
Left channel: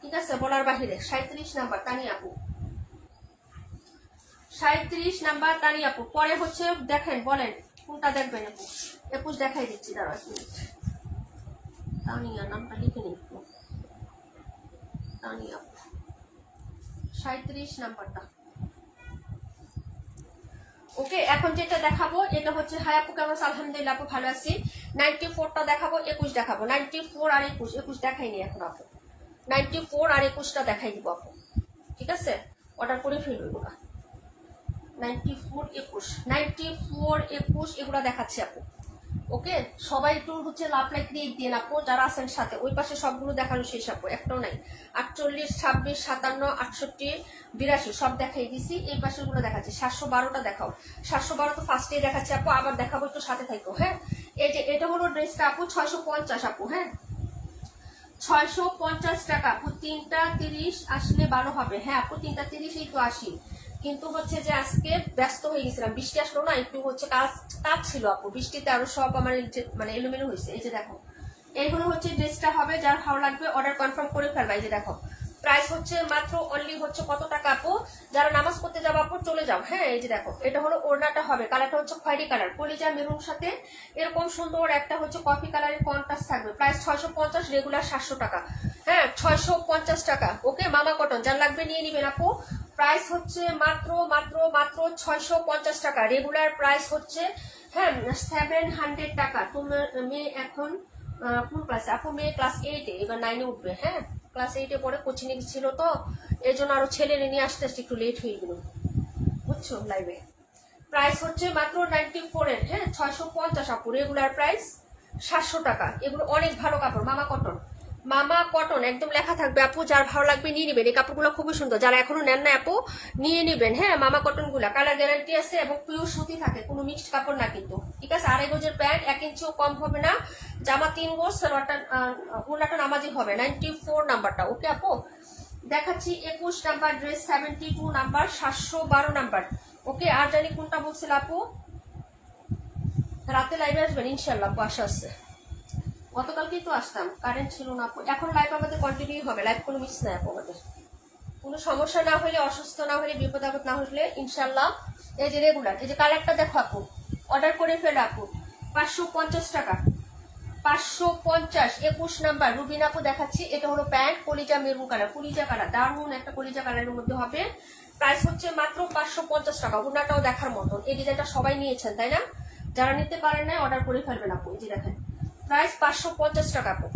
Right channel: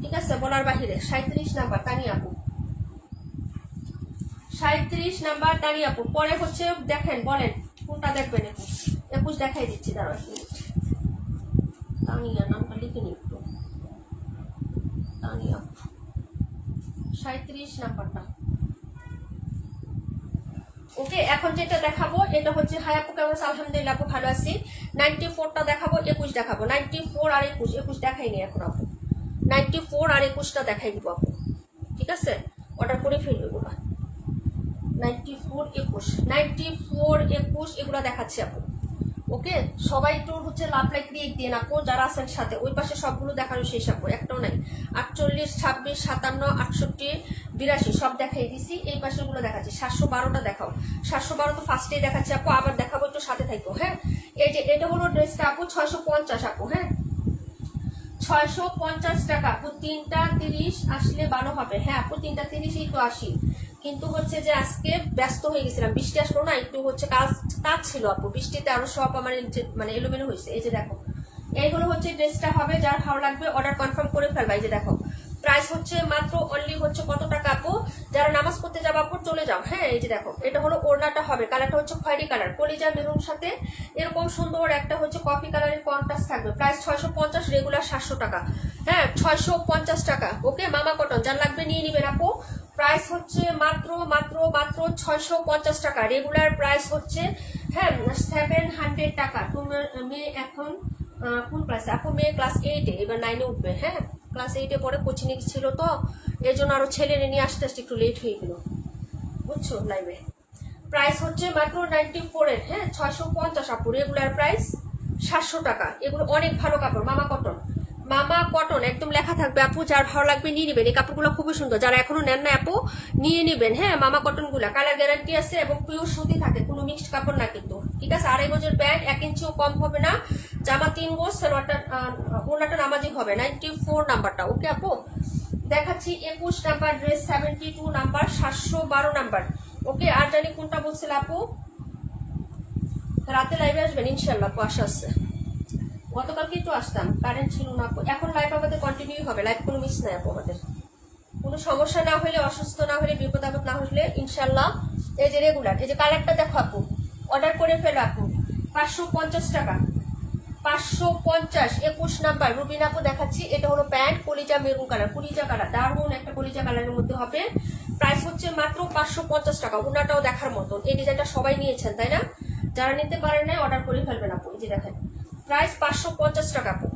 ঠিক আছে বলার বাহিরে। 37 নাম্বার তানি আপু, 37 নাম্বার তানি আপু। পরে হচ্ছে দেখেন, বলেন কোনটা দেখবেন আপু? 21 দেখাই দিচ্ছি, দাঁড়াও তানিয়া নামটা লিখে নি একটু, তানিয়া 37 নাম্বারটা। ওকে, এখন যেটা দেখাবো এটা হচ্ছে, হাই আপু কেমন? আলহামদুলিল্লাহ আপু ভালো আছি। 94টা দেখাবো, 21 দেখাবো। 94 আর 21 দেখাইনি এখন আপু, 94 আর 21টা দেখাই দিব আপু, ঠিক আছে। অর্ডার করে ফেলবো এগুলো, 94 21 এগুলো দেখাচ্ছি আপু। ওকে, সবাই একটু হচ্ছে লাভ লাইক দিয়ে দিয়ে আপু, যারা আছেন সাথে। ওই পাশে সবগুলো দেখানো শেষ আপু, একটাও নাই। 48, 26, 57, 68, 82 সব দেখাই দিছি। এই পাশে গুলো দেখাচ্ছি। 712টা দেখাও, 712 তো ফার্স্টেই দেখাচ্ছি আপু, আবার দেখাবো, একটু সাথে থাকো, হ্যাঁ। এই যে এটা হলো ড্রেসটা আপু, 650 আপু, হ্যাঁ 650 টাকা আপু। 3টা 30 আসলে ভালো হবে, হ্যাঁ আপু 3টা 30ই তো আসি, কিন্তু হচ্ছে যে আজকে ব্যস্ত হয়ে গেছিলাম, বৃষ্টি আসলো না, একটু হচ্ছে কাজ ছিল আপু, বৃষ্টিতে আরো সব আমার মানে এলোমেলো হয়েছে। এই যে দেখো, এইগুলো হচ্ছে ড্রেসটা হবে, যার ভালো লাগবে অর্ডার কনফার্ম করে ফেলবা। এই যে দেখো, প্রাইস হচ্ছে মাত্র অনলি হচ্ছে কত টাকা আপু? যারা নামাজ পড়তে যাবো আপু চলে যাও। হ্যাঁ এই যে দেখো, এটা হলো ওড়নাটা হবে, কালারটা হচ্ছে খয়েরি কালার, কলিজা মেরুন সাথে এরকম সুন্দর একটা হচ্ছে কফি কালারের কন্ট্রাস্ট থাকবে। প্রাইস 650, রেগুলার 700 টাকা। হ্যাঁ 650 টাকা। ওকে মামা কটন, যার লাগবে নিয়ে নিবেন আপু। প্রাইস হচ্ছে মাত্র মাত্র মাত্র 650 টাকা। রেগুলার প্রাইস হচ্ছে হ্যাঁ 700 টাকা। তুমি মেয়ে এখন কোন ক্লাসে আপু? মেয়ে ক্লাস 8-এ, এবার 9-এ উঠবে। হ্যাঁ ক্লাস 8-এ পরে কোচিং ছিল, তো এই জন্য আরো ছেলে নিয়ে আসতে আসতে একটু লেট হয়ে গেল, বুঝছো লাইভে। প্রাইস হচ্ছে মাত্র 94-এর। হ্যাঁ 650 আপু। রেগুলার প্রাইস 700 টাকা। এগুলো অনেক ভালো কাপড়, মামা কটন। মামা কটন একদম লেখা থাকবে আপু, যার ভালো লাগবে নিয়ে নেবেন। এই কাপড়গুলো খুবই সুন্দর, যারা এখনো নেন না আপু নিয়ে নেবেন। হ্যাঁ মামা কটন গুলা কালার গ্যারান্টি আছে এবং পিওর সুতি থাকে, কোনো মিক্সড কাপড় না কিন্তু, ঠিক আছে। 2.5 গজের প্যান্ট, 1 ইঞ্চিও কম হবে না, জামা 3 গজ, ওনাটা নামাজি হবে। 94 নাম্বারটা। ওকে আপু দেখাচ্ছি 21 নাম্বার ড্রেস, 72 নাম্বার, 712 নাম্বার। ওকে আর জানি কোনটা বলছিল আপু? রাতে লাইভে আসবেন ইনশাল্লাহ, আশা আছে। গতকালকেই তো আসতাম, কারেন্ট ছিল না আপু। এখন লাইভ আমাদের কন্টিনিউ হবে, লাইভ কোনো মিস নাই আপু আমাদের। কোনো সমস্যা না হলে, অসুস্থ না হলে, বিপদ আপদ না হলে ইনশাল্লাহ এই যে রেগুলার, এই যে কালারটা দেখো আপু, অর্ডার করে ফেলে আপু। 550 টাকা, 550। 21 নাম্বার রুবিন আপু দেখাচ্ছি। এটা হলো প্যান্ট, কলিজা মেরুন কালার, কলিজা কালার, দারুন একটা কলিজা কালারের মধ্যে হবে। প্রাইস হচ্ছে মাত্র 550 টাকা। ওনাটাও দেখার মতন, এই ডিজাইনটা সবাই নিয়েছেন তাই না? যারা নিতে পারেন নাই অর্ডার করে ফেলবেন আপু। এই যে দেখেন প্রাইস 550 টাকা আপু,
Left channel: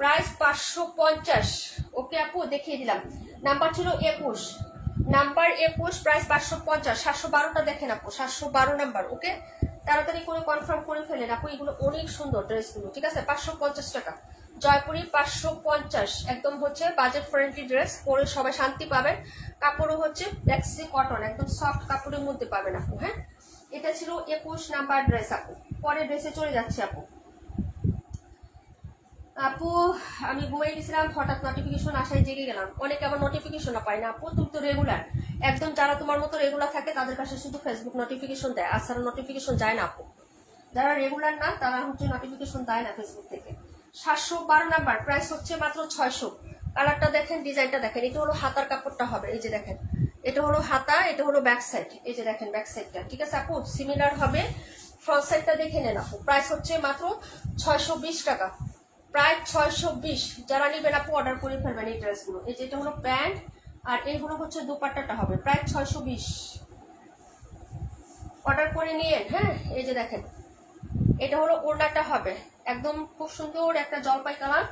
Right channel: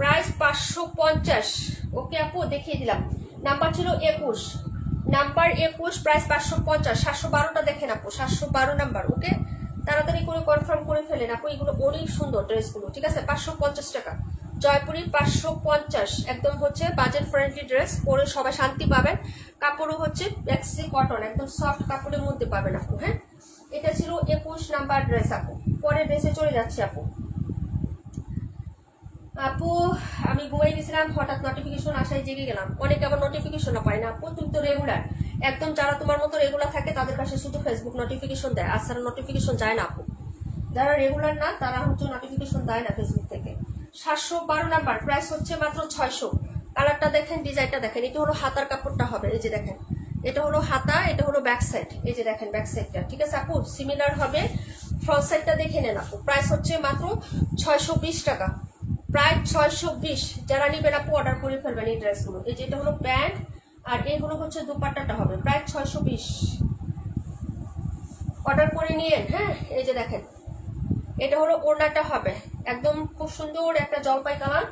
প্রাইস 550। ওকে আপু দেখিয়ে দিলাম। নাম্বার ছিল 21, নাম্বার 21, প্রাইস 550। 712টা দেখেন আপু, 712 নাম্বার। ওকে তাড়াতাড়ি করে কনফার্ম করে ফেলেন আপু, এগুলো অনেক সুন্দর ড্রেসগুলো, ঠিক আছে। 550 টাকা জয়পুরি, 550। একদম হচ্ছে বাজেট ফ্রেন্ডলি ড্রেস, পরে সবাই শান্তি পাবেন। কাপড়ও হচ্ছে ম্যাক্সি কটন, একদম সফট কাপড়ের মধ্যে পাবেন আপু। হ্যাঁ এটা ছিল 21 নাম্বার ড্রেস আপু। পরে ড্রেসে চলে যাচ্ছে আপু। আপু আমি ঘুমাই গেছিলাম, হঠাৎ নোটিফিকেশন আসায় জেগে গেলাম। অনেকে আবার নোটিফিকেশন পায় না আপু, তুমি তো রেগুলার, একদম যারা তোমার মতো রেগুলার থাকে তাদের কাছে শুধু ফেসবুক নোটিফিকেশন দেয়, আর সারা নোটিফিকেশন যায় না আপু। যারা রেগুলার না তারা হচ্ছে নোটিফিকেশন দেয় না ফেসবুক থেকে। 712 নাম্বার, প্রাইস হচ্ছে মাত্র 600। কালারটা দেখেন, ডিজাইনটা দেখেন। এটা হলো হাতার কাপড়টা হবে, এই যে দেখেন, এটা হলো হাতা, এটা হলো ব্যাক সাইড, এই যে দেখেন ব্যাক সাইডটা, ঠিক আছে আপু। সিমিলার হবে, ফ্রন্ট সাইডটা দেখে নেন আপু। প্রাইস হচ্ছে মাত্র 620 টাকা, প্রায় 620। যারা নিবেন আপু অর্ডার করে ফেলবেন এই ড্রেসগুলো। এই যে এটা হলো প্যান্ট, আর এইগুলো হচ্ছে দুপাট্টাটা হবে, প্রায় 620। অর্ডার করে নিয়েন। হ্যাঁ এই যে দেখেন, এটা হলো ওড়নাটা হবে, একদম খুব সুন্দর একটা জলপাই কালার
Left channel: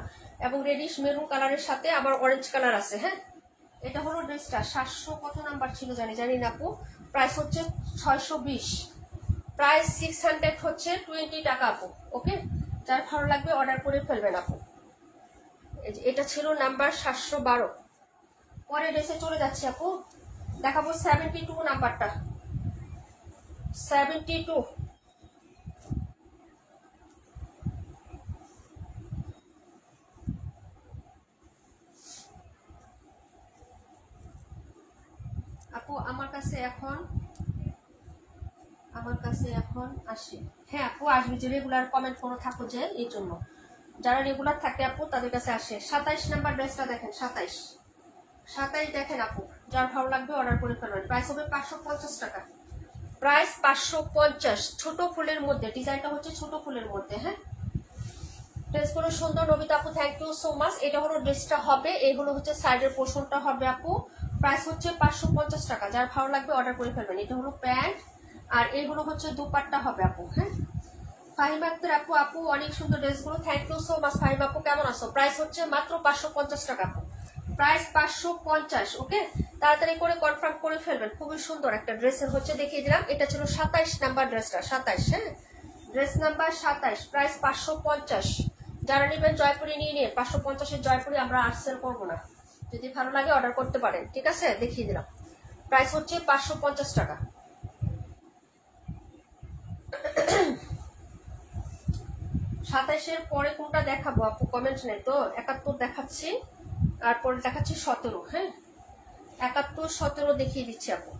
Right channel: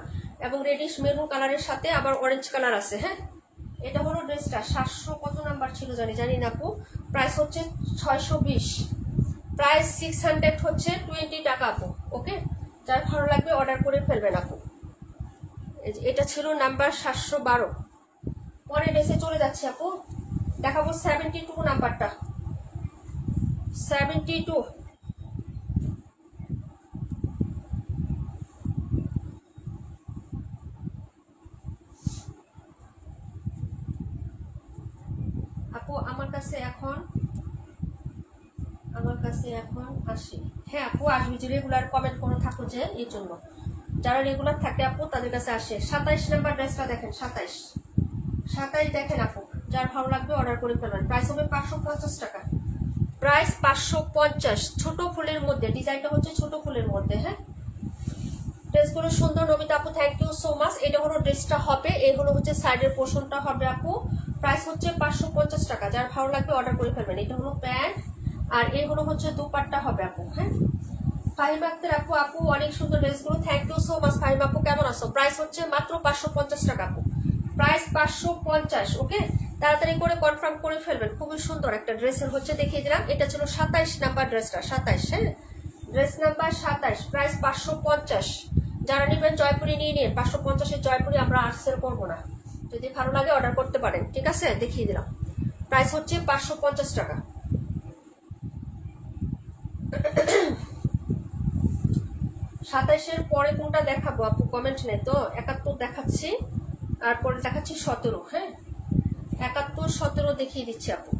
এবং রেডিশ মেরুন কালারের সাথে আবার অরেঞ্জ কালার আছে। হ্যাঁ এটা হলো ড্রেসটা। 700 কত নাম্বার ছিল জানি না আপু। প্রাইস হচ্ছে 620, প্রাইস 600 হচ্ছে 20 টাকা আপু। ওকে যার ভালো লাগবে অর্ডার করে ফেলবেন আপু। এটা ছিল নাম্বার 712। পরে ড্রেসে চলে যাচ্ছে আপু, দেখাবো 72 নাম্বারটা। 72 আপু আমার কাছে এখন আসে। হ্যাঁ আপু আসবে, যে রেগুলার কমেন্ট করে থাকো যে, এই জন্য যারা রেগুলার থাকে আপু তাদের কাছে আসে। 27 নাম্বার ড্রেসটা দেখেন, 27 দেখেন আপু, যার ভালো লাগবে অর্ডার করে ফেলবেন। প্রাইস হবে 550 টাকা, প্রাইস 550। ছোট ফুলের মধ্যে, ডিজাইনটা হচ্ছে ছোট ফুলের মধ্যে। হ্যাঁ ড্রেসগুলো সুন্দর নবিতা আপু, থ্যাংক ইউ সো মাচ। এটা হলো ড্রেসটা হবে, এগুলো হচ্ছে সাইডের পোর্শনটা হবে আপু। প্রাইস হচ্ছে 550 টাকা, যার ভালো লাগবে অর্ডার করে ফেলবেন। এটা হলো প্যান্ট, আর এগুলো হচ্ছে দুপাট্টা হবে আপু। হ্যাঁ ফাহিম আক্তার আপু অনেক সুন্দর ড্রেসগুলো, thank you so much. Fahim আপু কেমন আছো? প্রাইস হচ্ছে মাত্র 550 টাকা আপু, প্রাইস 550। ওকে তাড়াতাড়ি করে কনফার্ম করে ফেলবেন, খুবই সুন্দর একটা ড্রেসের হচ্ছে দেখিয়ে দিলাম। এটা ছিল 27 নাম্বার ড্রেসটা, 27। হ্যাঁ ড্রেস নাম্বার 27, প্রাইস 550। যারা নেবেন জয়পুরি নিয়ে নিন, 550-এর জয়পুরি আমরা আর সেল করবো না, যদি ভালো লাগে অর্ডার করতে পারেন, ঠিক আছে। দেখিয়ে দিলাম, প্রাইস হচ্ছে 550 টাকা। 27-এর পরে কোনটা দেখাবো আপু কমেন্ট নেই তো। 71 দেখাচ্ছি, আর পরে দেখাচ্ছি 17। হ্যাঁ 71, 17 দেখিয়ে দিচ্ছি আপু।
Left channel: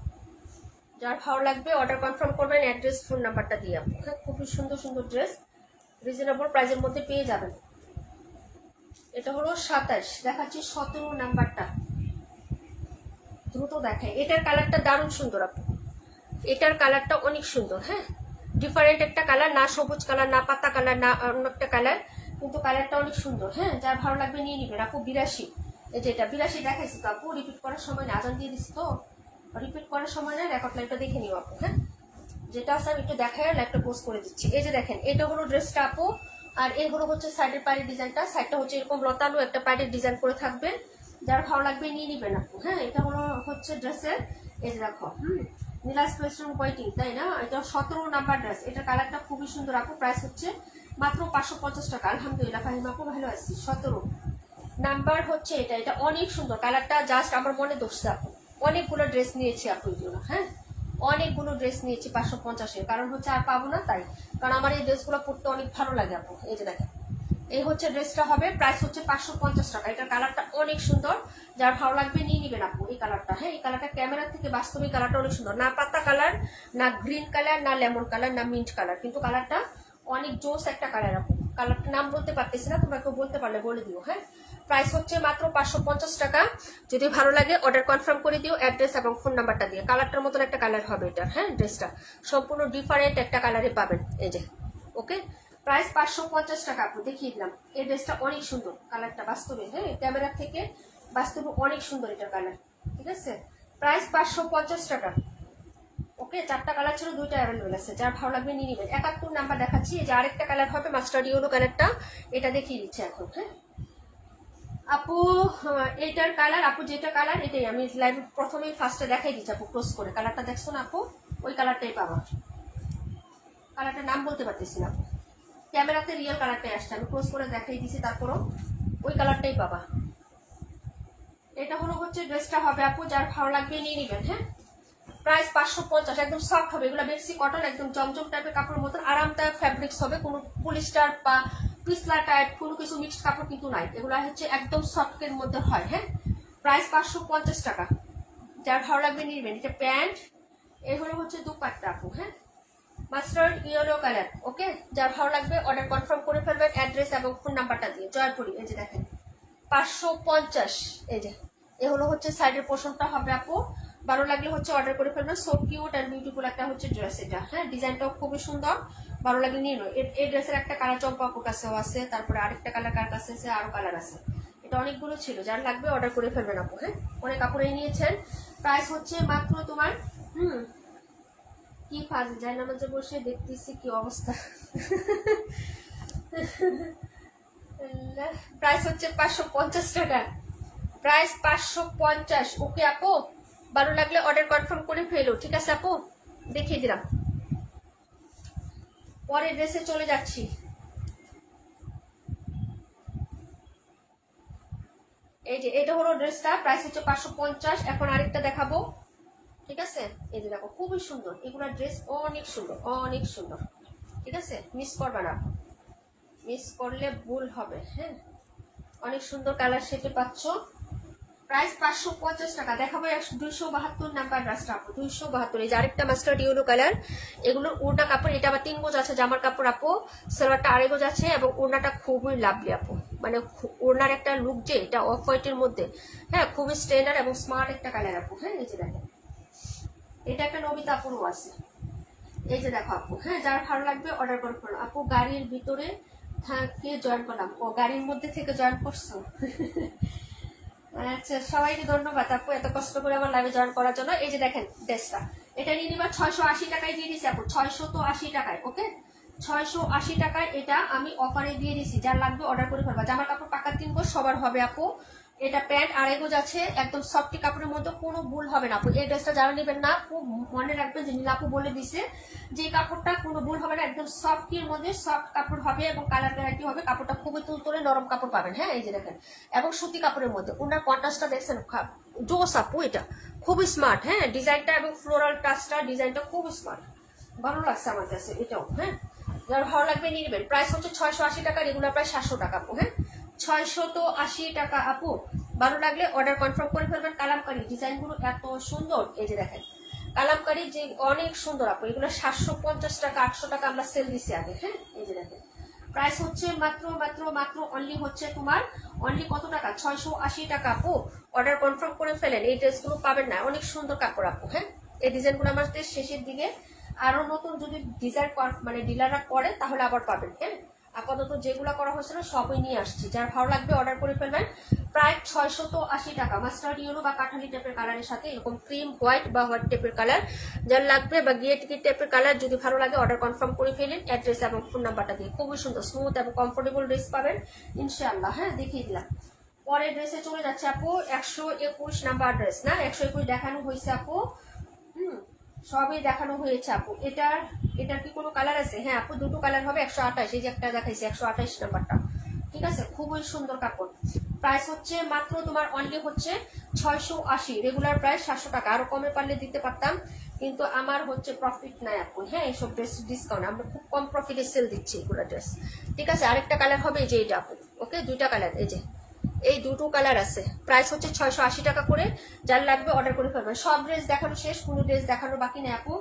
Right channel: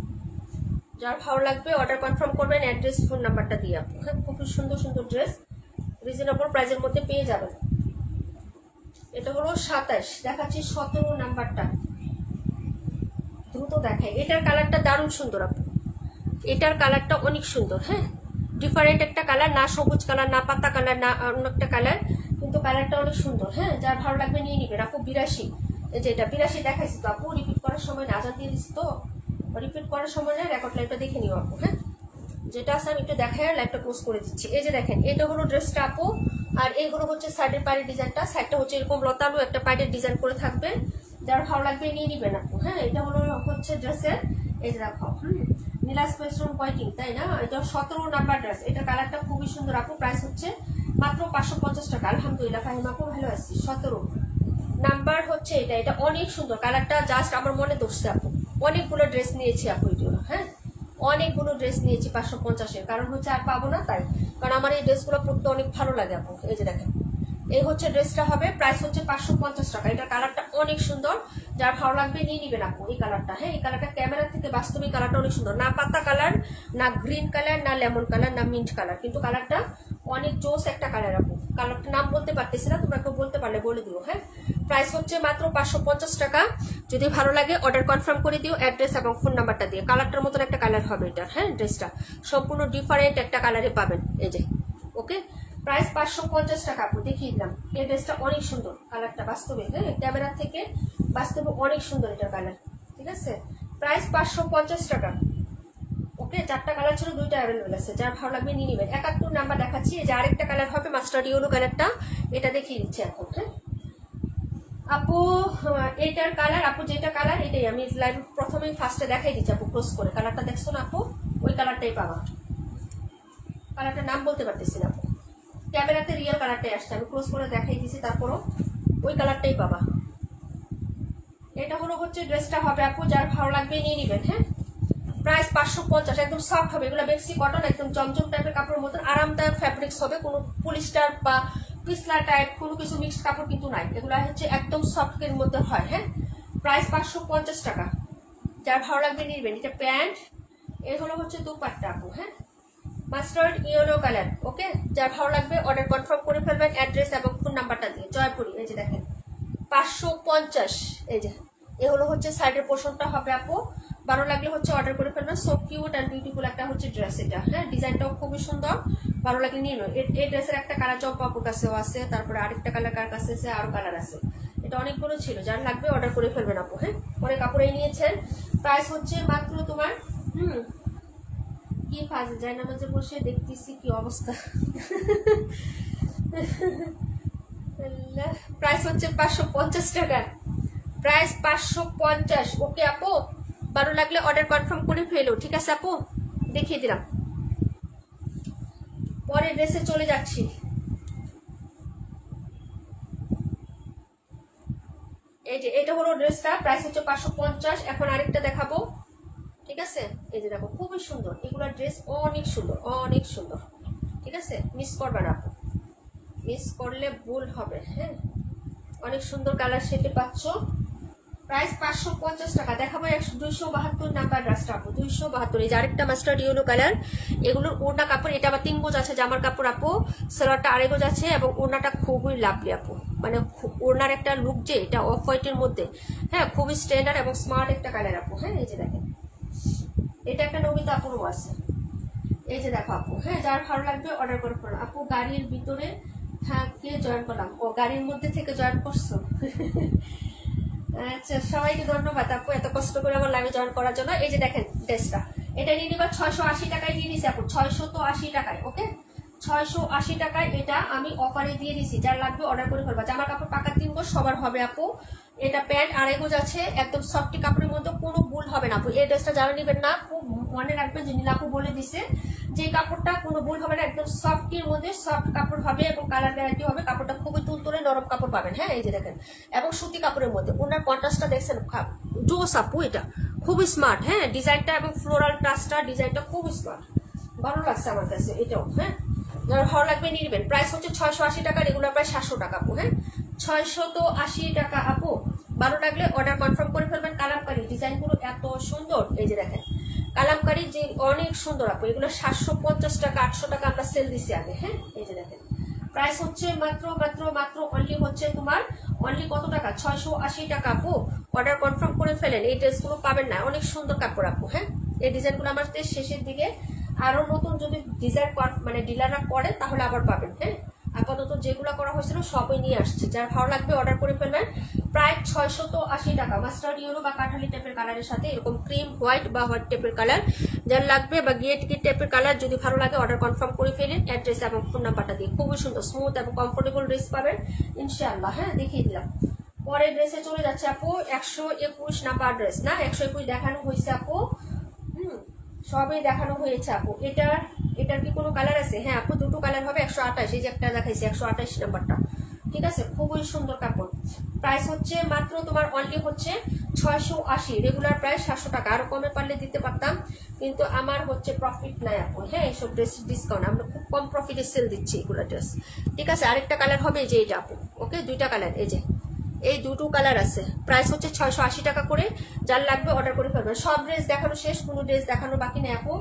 যার ভালো লাগবে অর্ডার কনফার্ম করবেন, অ্যাড্রেস ফোন নাম্বারটা দিয়ে আপু। হ্যাঁ খুবই সুন্দর সুন্দর ড্রেস রিজনেবল প্রাইসের মধ্যে পেয়ে যাবেন। এটা হলো 27, দেখাচ্ছি 17 নাম্বারটা, দ্রুত দেখাই। এটার কালারটা দারুণ সুন্দর আপু, এটার কালারটা অনেক সুন্দর। হ্যাঁ, ডিফারেন্ট একটা কালার, না সবুজ কালার, না পাতা কালার, না অন্য একটা কালার, কিন্তু কালারটা অনেক সুন্দর। হ্যাঁ, যার ভালো লাগবে নিয়ে নিবেন আপু। 82, এই যে এটা 82 দেখাইছি তো আপু, রিপিট করার সময় না, আজান দিয়ে দিচ্ছি তো, রিপিট করার সময় না, রেকর্ড লাইভটা দেখে নিও আপু। হ্যাঁ, যেটা আছে আমি একটু দেখাই, লাইভটা পোস্ট করে দিচ্ছি। এই যে দেখেন, এটা হলো ড্রেসটা আপু, আর এইগুলো হচ্ছে সাইডের পাড়ের ডিজাইনটা, সাইডটা হচ্ছে এরকম লতানো একটা পাড়ের ডিজাইন করে থাকবে, যার ভালো লাগবে নিয়ে নিবেন আপু। হ্যাঁ, এটা হলো হচ্ছে ড্রেসের, এই যে দেখো নীলা স্পেসরুম পয়েন্টিং, তাই না? এটা 17 নাম্বার ড্রেস, এটা কালারটা খুবই সুন্দর আপু। প্রাইস হচ্ছে মাত্র 550 টাকা। আলহামদুলিল্লাহ ফাহিমা আপু ভালো আছি। 17 নাম্বার হচ্ছে এটা, এটা অনেক সুন্দর কালারটা, জাস্ট আমার মনে ধরছে আপু। অনেকগুলো ড্রেস নিয়েছি আপু এই জন্য। হ্যাঁ, অনেকগুলো ড্রেস নিয়েছি 550-এর, কারণ হচ্ছে আর পাবো না তাই, কারণ আমার এই ড্রেসগুলো পরতে অনেক ভালো লাগে আপু। এই যে দেখেন, এই হচ্ছে ড্রেসটা হবে, প্রাইস হচ্ছে 550 টাকা। এটা কালারটা অনেক সুন্দর, যার ভালো লাগবে নিয়ে নিবেন আপু এই কালারটা। হ্যাঁ, এই কালারটা ক্যামেরা থেকে বাস্তবিক কালারটা অনেক সুন্দর, না পাতা কালার, না গ্রিন কালার, না লেমন কালার, না মিন্ট কালার, কিন্তু কালারটা অনেক জোস একটা কালার আপু। কালারটা নাম বলতে পারতেছি না, তোমরা কেউ বলতে পারলে বলে দিও। হ্যাঁ, প্রাইস হচ্ছে মাত্র 550 টাকা। যদি ভালো লাগে অর্ডার কনফার্ম করে দিও, অ্যাড্রেস এবং ফোন নাম্বারটা দিয়ে। কালারটার মতন একটা কালার হবে এটা। হ্যাঁ, ড্রেসটা সম্পূর্ণ ডিফারেন্ট একটা কালারে পাবেন, এই যে। ওকে, প্রাইস 550 টাকা আপু, দেখিয়ে দিলাম। এই ড্রেসটা অনেক সুন্দর, কালারটা বাস্তবে, হ্যাঁ ক্যামেরা থেকে বাস্তবে অনেক সুন্দর এটার কালার। ঠিক আছে, প্রাইস 550 টাকা। ওকে, 4টা কালার ছিল, 2টা অ্যাভেলেবেল আছে, যার ভালো লাগবে নিয়ে নিবেন। 71 নাম্বার দেখাচ্ছি, এই যে আরেকটা কালার হবে মাস্টার্ড ইয়েলো কালারটা, এটা দেখিয়ে দিচ্ছি এখন। হ্যাঁ আপু, এইটার কালার আপু, যেটা কালার এটাই আমি লাইভ প্রথমেই ফার্স্টে দেখাই দিচ্ছি আপু, ক্লোজ করে। কালারটা দেখছো না আপু, ওই কালারটাই পাবা। কালারটার নাম বলতে পারতেছি না আপু, ক্যামেরাতে রিয়েল কালারটাই আসছে, আমি ক্লোজ করে দেখাই দিছি, তারপরও ওই কালারটাই পাবা। এটা হলো হচ্ছে ড্রেসটা হবে আপু, যার ভালো লাগবে নিয়ে নিবেন। হ্যাঁ, প্রাইস 550, একদম সফট হবে, এগুলো বেক্সি কটন, একদম জমজম টাইপের কাপড়ের মতন আরামদায়ক ফ্যাব্রিক্স হবে, কোনো পলিস্টার বা পিসলা টাইপ কোনো কিছু মিক্সড কাপড় কিন্তু নাই, এগুলো হচ্ছে একদম সফটের মধ্যে হয়। হ্যাঁ, প্রাইস 550 টাকা, যার ভালো লাগবে নিয়ে নিবেন। এটা প্যান্ট, এই হলো হচ্ছে দুপাট্টা আপু। হ্যাঁ, মাস্টার্ড ইয়েলো কালার। ওকে, যার ভালো লাগবে অর্ডার কনফার্ম করে ফেলবেন, অ্যাড্রেস এবং ফোন নাম্বারটা দিয়ে। জয়পুরি, এই যে দেখেন 550, এই যে এ হলো হচ্ছে সাইডের পোর্শনটা হবে আপু। ভালো লাগলে হচ্ছে অর্ডার করে ফেলবেন। সো কিউট অ্যান্ড বিউটিফুল একটা হচ্ছে ড্রেস এটা। হ্যাঁ, ডিজাইনটাও খুবই সুন্দর, ভালো লাগে নিয়ে নয়। এই ড্রেসের একটা কালার চম্পা আপুর কাছেও আছে, তারপরে আরেকটা কালার কার কাছে আছে, আরো কালার আছে, এটা অনেকগুলো ছিল, যার লাগবে অর্ডার করে ফেলবেন আপু। হ্যাঁ, অনেক কাপড়েই নিয়েছেন। প্রাইস হচ্ছে মাত্র তোমার কি ফাজ যায় না, মাঝে বসে দেখতেছি কি অবস্থা। প্রাইস হচ্ছে 550 টাকা, প্রাইস 550। ওকে আপু, ভালো লাগলে অর্ডার কনফার্ম করে ফেলো। ঠিক আছে আপু, দেখিয়ে দিলাম। পরের ড্রেসে চলে যাচ্ছি। এই যে এটা হলো ড্রেসটা, প্রাইস হচ্ছে 550। এখন আরেকটা দেখাবো। ঠিক আছে, এই যে দেখো খুবই সুন্দর, এগুলা ড্রেস অনেক সুন্দর, অনেক সুন্দর। ঠিক আছে, মিস করবে না আপু, মিস করলে ভুল হবে। হ্যাঁ, অনেক সুন্দর কালার শেপে পাচ্ছ। প্রাইস 550 টাকা। দেখাবো 272 নাম্বার ড্রেসটা আপু, 272। এই যে আরেকটা মাস্টার্ড ইয়েলো কালার, এগুলোর ওড়না কাপড়, এটা আবার 3 গজ আছে জামার কাপড় আপু, সালোয়ারটা 2.5 গজ আছে, এবং ওড়নাটা খুবই লাভলি আপু, মানে ওড়নার একটা লুক যে এটা অফ হোয়াইটের মধ্যে। হ্যাঁ, খুবই স্ট্যান্ডার্ড এবং স্মার্ট একটা কালার আপু। হ্যাঁ, এই যে দেখেন, এটা একটা নমিতা আপুরও আছে, এই যে দেখো আপু। হ্যাঁ, যার ভালো লাগবে অর্ডার করে ফেলো আপু। গাড়ির ভিতরে থাকে জয়েন করলাম, ও গাড়ির মধ্যে থেকে জয়েন করছো। আচ্ছা, সবাইকে ধন্যবাদ আপু এত কষ্ট করে আমার লাইভে জয়েন করার জন্য। এই যে দেখেন ড্রেসটা, এটা নিয়ে নিবা 680 টাকায় দিয়ে দিছি আপু, 680 টাকায়। ওকে, 680 টাকায় এটা আমি অফারে দিয়ে দিছি, যার লাগবে অর্ডার করে ফেলবা। জামার কাপড় পাকা 3 গজ সবার হবে আপু। এটা প্যান্ট 2.5 গজ আছে, একদম সফটি কাপড়ের মধ্যে, কোনো ভুল হবে না আপু। এই ড্রেসটা যারা নেবেন না আপু, মনে রাখবেন যে নীলা আপু বলে দিছে যে কাপড়টা কোনো ভুল হবে না, একদম সফটির মধ্যে সফট কাপড় হবে এবং কালার গ্যারান্টি হবে। কাপড়টা খুবই তুলতুলে নরম কাপড় পাবেন। হ্যাঁ, এই যে দেখেন, এবং সুতি কাপড়ের মধ্যে। ওনার কন্ট্রাস্টটা দেখছেন জোস আপু, এটা খুবই স্মার্ট। হ্যাঁ, ডিজাইনটা এবং ফ্লোরাল টাচটা, ডিজাইনটা খুবই স্মার্ট, ভালো লাগছে আমার কাছে এটাও। হ্যাঁ, যার ভালো লাগবে নিয়ে নেবেন। প্রাইস হচ্ছে 680 টাকা, রেগুলার প্রাইস 700 টাকা আপু। হ্যাঁ, 680 টাকা আপু। ভালো লাগলে অর্ডার কনফার্ম করে ফেলবেন। কালামকারী ডিজাইনগুলো এত সুন্দর, এই যে দেখেন কালামকারী যে অনেক সুন্দর আপু। এগুলো 750 টাকা 800 টাকা আমরা সেল দিছি আগে। হ্যাঁ, এই যে দেখেন প্রাইস হচ্ছে মাত্র মাত্র মাত্র অনলি হচ্ছে তোমার অনলি কত টাকা 680 টাকা আপু অর্ডার কনফার্ম করে ফেলেন এই ড্রেসগুলো পাবেন না অনেক সুন্দর কাপড় আপু হ্যাঁ এই ডিজাইনগুলো আমাদের শেষের দিকে আরো নতুন যদি ডিজাইন মানে ডিলাররা করে তাহলে আবার পাবেন হ্যাঁ আপাতত যেগুলো করা হয়েছিল সবই নিয়ে আসছে যার ভালো লাগবে অর্ডার করে ফেলবেন প্রায় 680 টাকা মাস্টার্ড ইয়েলো বা কাঠালি টাইপের কালারের সাথে এরকম ক্রিম হোয়াইট বা হোয়াইট টাইপের কালার যার লাগবে বা গিয়ে টিকিট টাইপের কালার যদি ভালো লাগে অর্ডার কনফার্ম করে ফেলেন অ্যাড্রেস এবং ফোন নাম্বারটা দিয়ে খুবই সুন্দর স্মুথ এবং কমফোর্টেবল ড্রেস পাবেন ইনশাআল্লাহ হ্যাঁ দেখিয়ে দিলাম পরের ড্রেসে চলে যাচ্ছে আপু 121 নাম্বার ড্রেস না 121 দেখানো হয়েছে আপু সবই দেখানো হয়েছে আপু এটার কি কোনো কালার আছে হ্যাঁ আপু দুটো কালার হবে 128 এই যে একটা দেখাইছে 128 নাম্বারটা ঠিক আছে খুবই সুন্দর কাপড় প্রাইস হচ্ছে মাত্র তোমার অনলি হচ্ছে 680 রেগুলার প্রাইস 700 টাকা আরো কমে পারলে দিতে পারতাম কিন্তু আমার হচ্ছে প্রফিট নাই এখন হ্যাঁ এইসব ড্রেস ডিসকাউন্ট আমরা খুব কম প্রফিটে সেল দিচ্ছি এগুলো ড্রেস ঠিক আছে আরেকটা কালার হবে এই যে এটা আপু ওকে দুইটা কালার এই যে এই দুটো কালার আছে প্রাইস হচ্ছে 680 টাকা করে যার লাগবে অর্ডার করে ফেলবেন সব ড্রেস দেখানো শেষ কোনো ড্রেস দেখানো বাকি নেই আপু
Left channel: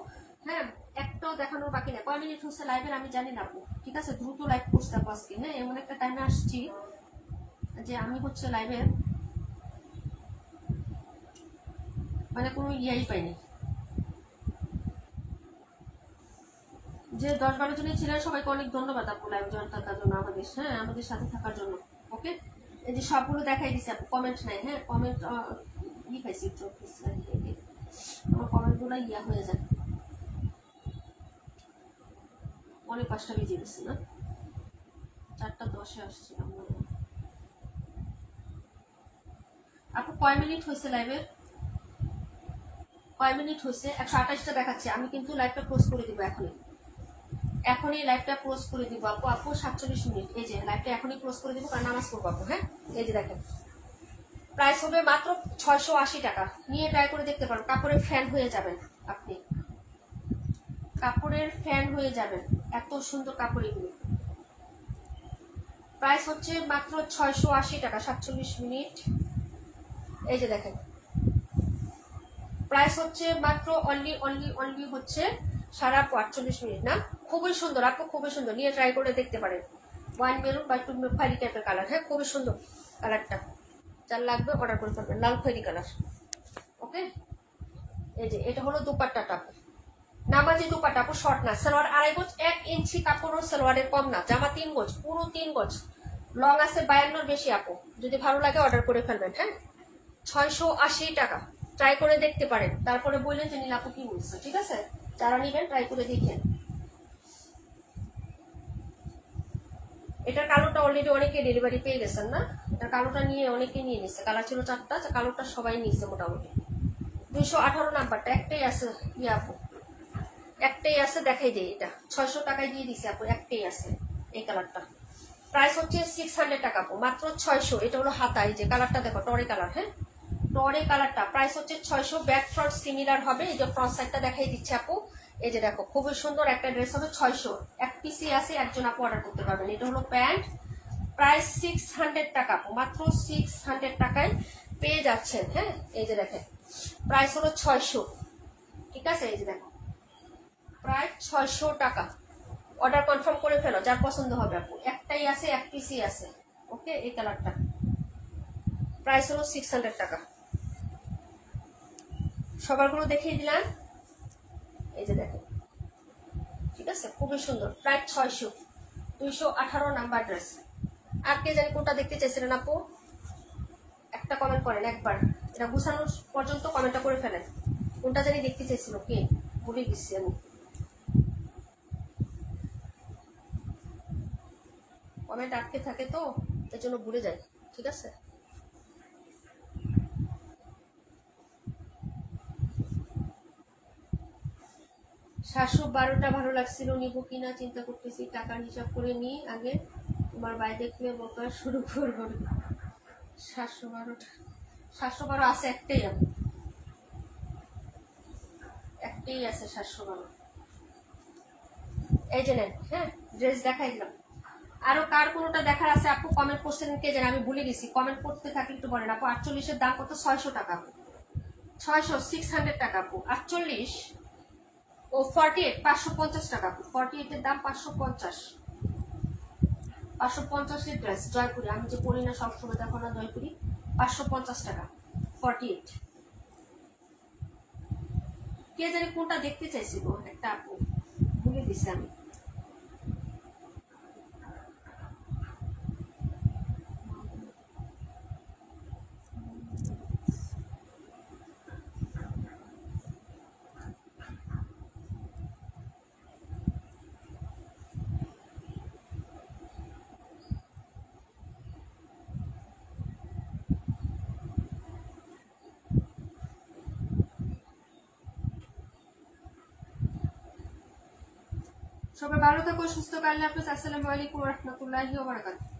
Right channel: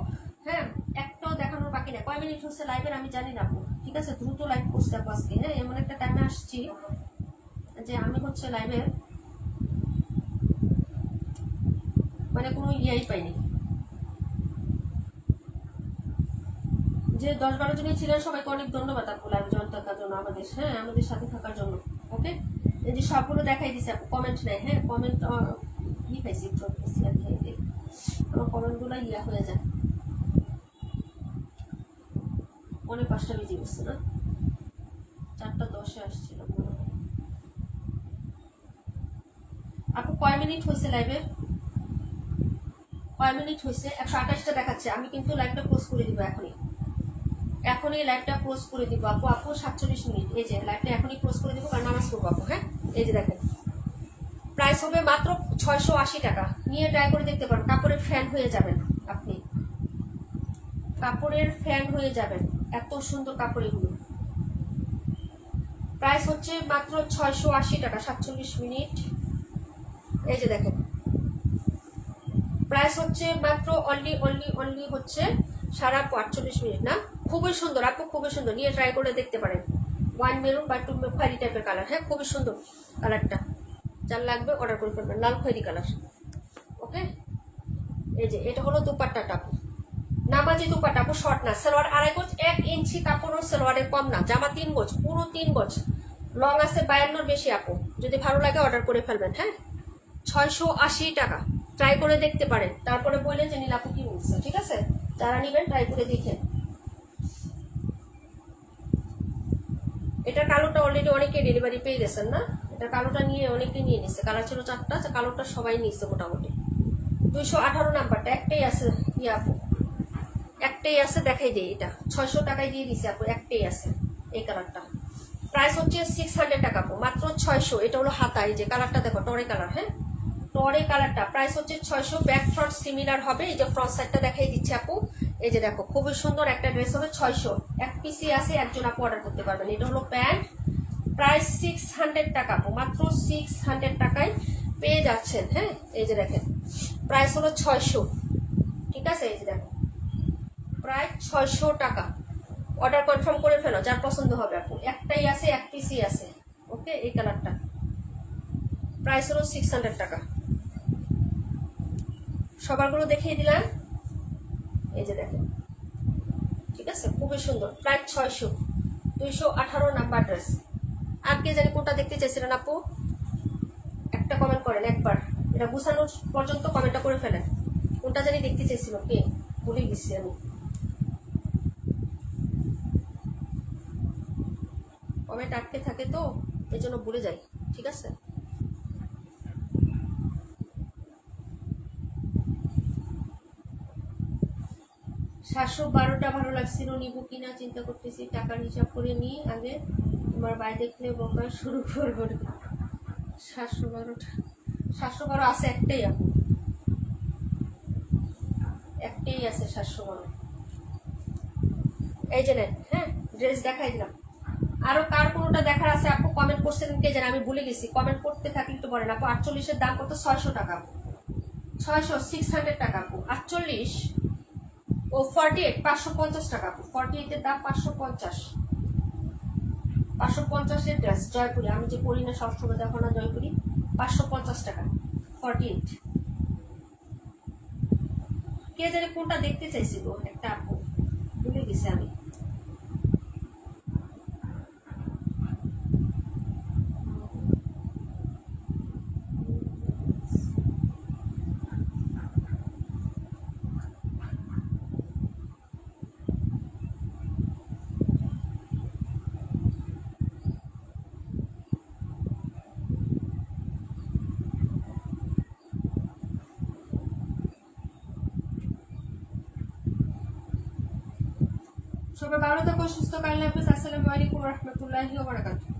হ্যাঁ একটাও দেখানোর বাকি নেই কয় মিনিট হচ্ছে লাইভের আমি জানি না আপু ঠিক আছে দ্রুত লাইভ করতে আপু আজকে হ্যাঁ এমন একটা টাইমে আসছি যে আমি হচ্ছে লাইভে মানে কোনো ইয়াই পাইনি যে 10-12 জনই ছিলেন সবাইকে অনেক ধন্যবাদ আপু লাইভ জয়েন থাকার জন্য আমাদের সাথে থাকার জন্য ওকে এই যে সবগুলো দেখাই দিছে আপু কমেন্ট নাই হ্যাঁ কমেন্ট লিখাইছি আমার কমেন্টগুলো ইয়া হয়ে যায় অনেক 5টা বেজে গেছে না 4:10 আসছিলাম আপু কয় মিনিট হয়েছে লাইভে কয় মিনিট হয়েছে 128টা দেখাচ্ছে আমি কিন্তু লাইভটা ক্লোজ করে দিব এখনই লাইভটা ক্লোজ করে দিব আপু 47 মিনিট এই যে লাইভটা এখনই ক্লোজ করে দিব কারণ নামাজ পড়বো আপু হ্যাঁ এই যে দেখেন প্রাইস হবে মাত্র 680 টাকা নিয়ে ট্রাই করে দেখতে পারেন কাপড়ের ফ্যান হয়ে যাবেন আপনি কাপড়ের ফ্যান হয়ে যাবেন এত সুন্দর কাপড় এগুলো প্রাইস হচ্ছে মাত্র 680 টাকা 47 মিনিট এই যে দেখেন প্রাইস হচ্ছে মাত্র অনলি হচ্ছে 48 মিনিট না খুবই সুন্দর আপু খুবই সুন্দর নিয়ে ট্রাই করে দেখতে পারেন 1 মেরুন বা 2 খয়েরি টাইপের কালার হ্যাঁ খুবই সুন্দর কালারটা যার লাগবে অর্ডার করে ফেলবেন লাল খয়েরি কালার ওকে এই যে এটা হলো দুপাট্টাটা আপু নামাজি দুপাট্টা আপু শর্ট না সালোয়ার 2.5 গজ 1 ইঞ্চি কাপড়ের সালোয়ারের কম না জামা 3 গজ পুরো 3 গজ লং আছে 52 বেশি আপু যদি ভালো লাগে অর্ডার করে ফেলবেন হ্যাঁ 680 টাকা ট্রাই করে দেখতে পারেন তারপরে বললেন যে নীল আপু কি বলছে ঠিক আছে যারা নেবেন ট্রাই করে দেখেন এটার কালোটা অলরেডি অনেকে ডেলিভারি পেয়ে গেছেন না এটার কালোটা নিয়ে অনেকে নিয়ে নিচ্ছে কালার ছিল 4টা কালোটা সবাই নিচ্ছে মোটামুটি 218 নাম্বারটা একটাই আছে ইয়া আপু একটাই আছে দেখাই দেই এটা 600 টাকায় দিয়ে দিছে আপু একটাই আছে এই কালারটা প্রাইস হচ্ছে 600 টাকা আপু মাত্র 600 এটা হলো হাতা এই যে কালারটা দেখো টরে কালার হ্যাঁ টরে কালারটা প্রাইস হচ্ছে 600 ব্যাক ফ্রন্ট সিমিলার হবে এই যে ফ্রন্ট সাইডটা দেখাই দিচ্ছে আপু এই যে দেখো খুবই সুন্দর একটা ড্রেস হবে 600 এক পিসি আছে একজন আপু অর্ডার করতে পারবেন এটা হলো প্যান্ট প্রাইস 600 টাকা আপু মাত্র 600 টাকায় পেয়ে যাচ্ছেন হ্যাঁ এই যে দেখেন প্রাইস হলো 600 ঠিক আছে এই যে দেখো প্রায় 600 টাকা অর্ডার কনফার্ম করে ফেলো যার পছন্দ হবে আপু একটাই আছে এক পিসি আছে ওকে এই কালারটা প্রাইস হলো 600 টাকা সবারগুলো দেখিয়ে দিলাম এই যে দেখেন ঠিক আছে খুবই সুন্দর প্রায় 600 218 নাম্বার ড্রেস আর কে জানি কোনটা দেখতে চাইছিলেন আপু একটা কমেন্ট করেন একবার এটা গুছানো পর্যন্ত কমেন্টটা করে ফেলেন কোনটা জানি দেখতে চাইছিল কে ভুলে গেছি আমি কমেন্ট আটকে থাকে তো এর জন্য ভুলে যাই ঠিক আছে 712টা ভালো লাগছিল নিব কিনা চিন্তা করতেছি টাকার হিসাব করে নি আগে তোমার ভাই দেখলে বকা শুরু করবো 712 আছে একটাই আপু একটাই আছে 712 এই যে নেন হ্যাঁ ড্রেস দেখাই দিলাম আরো কার কোনটা দেখার আছে আপু কমেন্ট করছেন কে জানেন আমি ভুলে গেছি কমেন্ট করতে থাকলে একটু বলেন আপু 48 এর দাম কত 600 টাকা আপু 600 টাকা আপু 48 ও 48 550 টাকা 48 এর দাম 550 550 এর ড্রেস জয়পুরি, আমি যে পরি না সবসময়, দেখো না জয়পুরি, 550 টাকা 48। কে জানি কোনটা দেখতে চাইছিল একটা আপু, ভুলে গেছি আমি। সবাই ভালো থাকো, সুস্থ, কাল হাফেজ, আসসালামু আলাইকুম ওয়া রাহমাতুল্লাহি ওয়া বারাকাতুহু।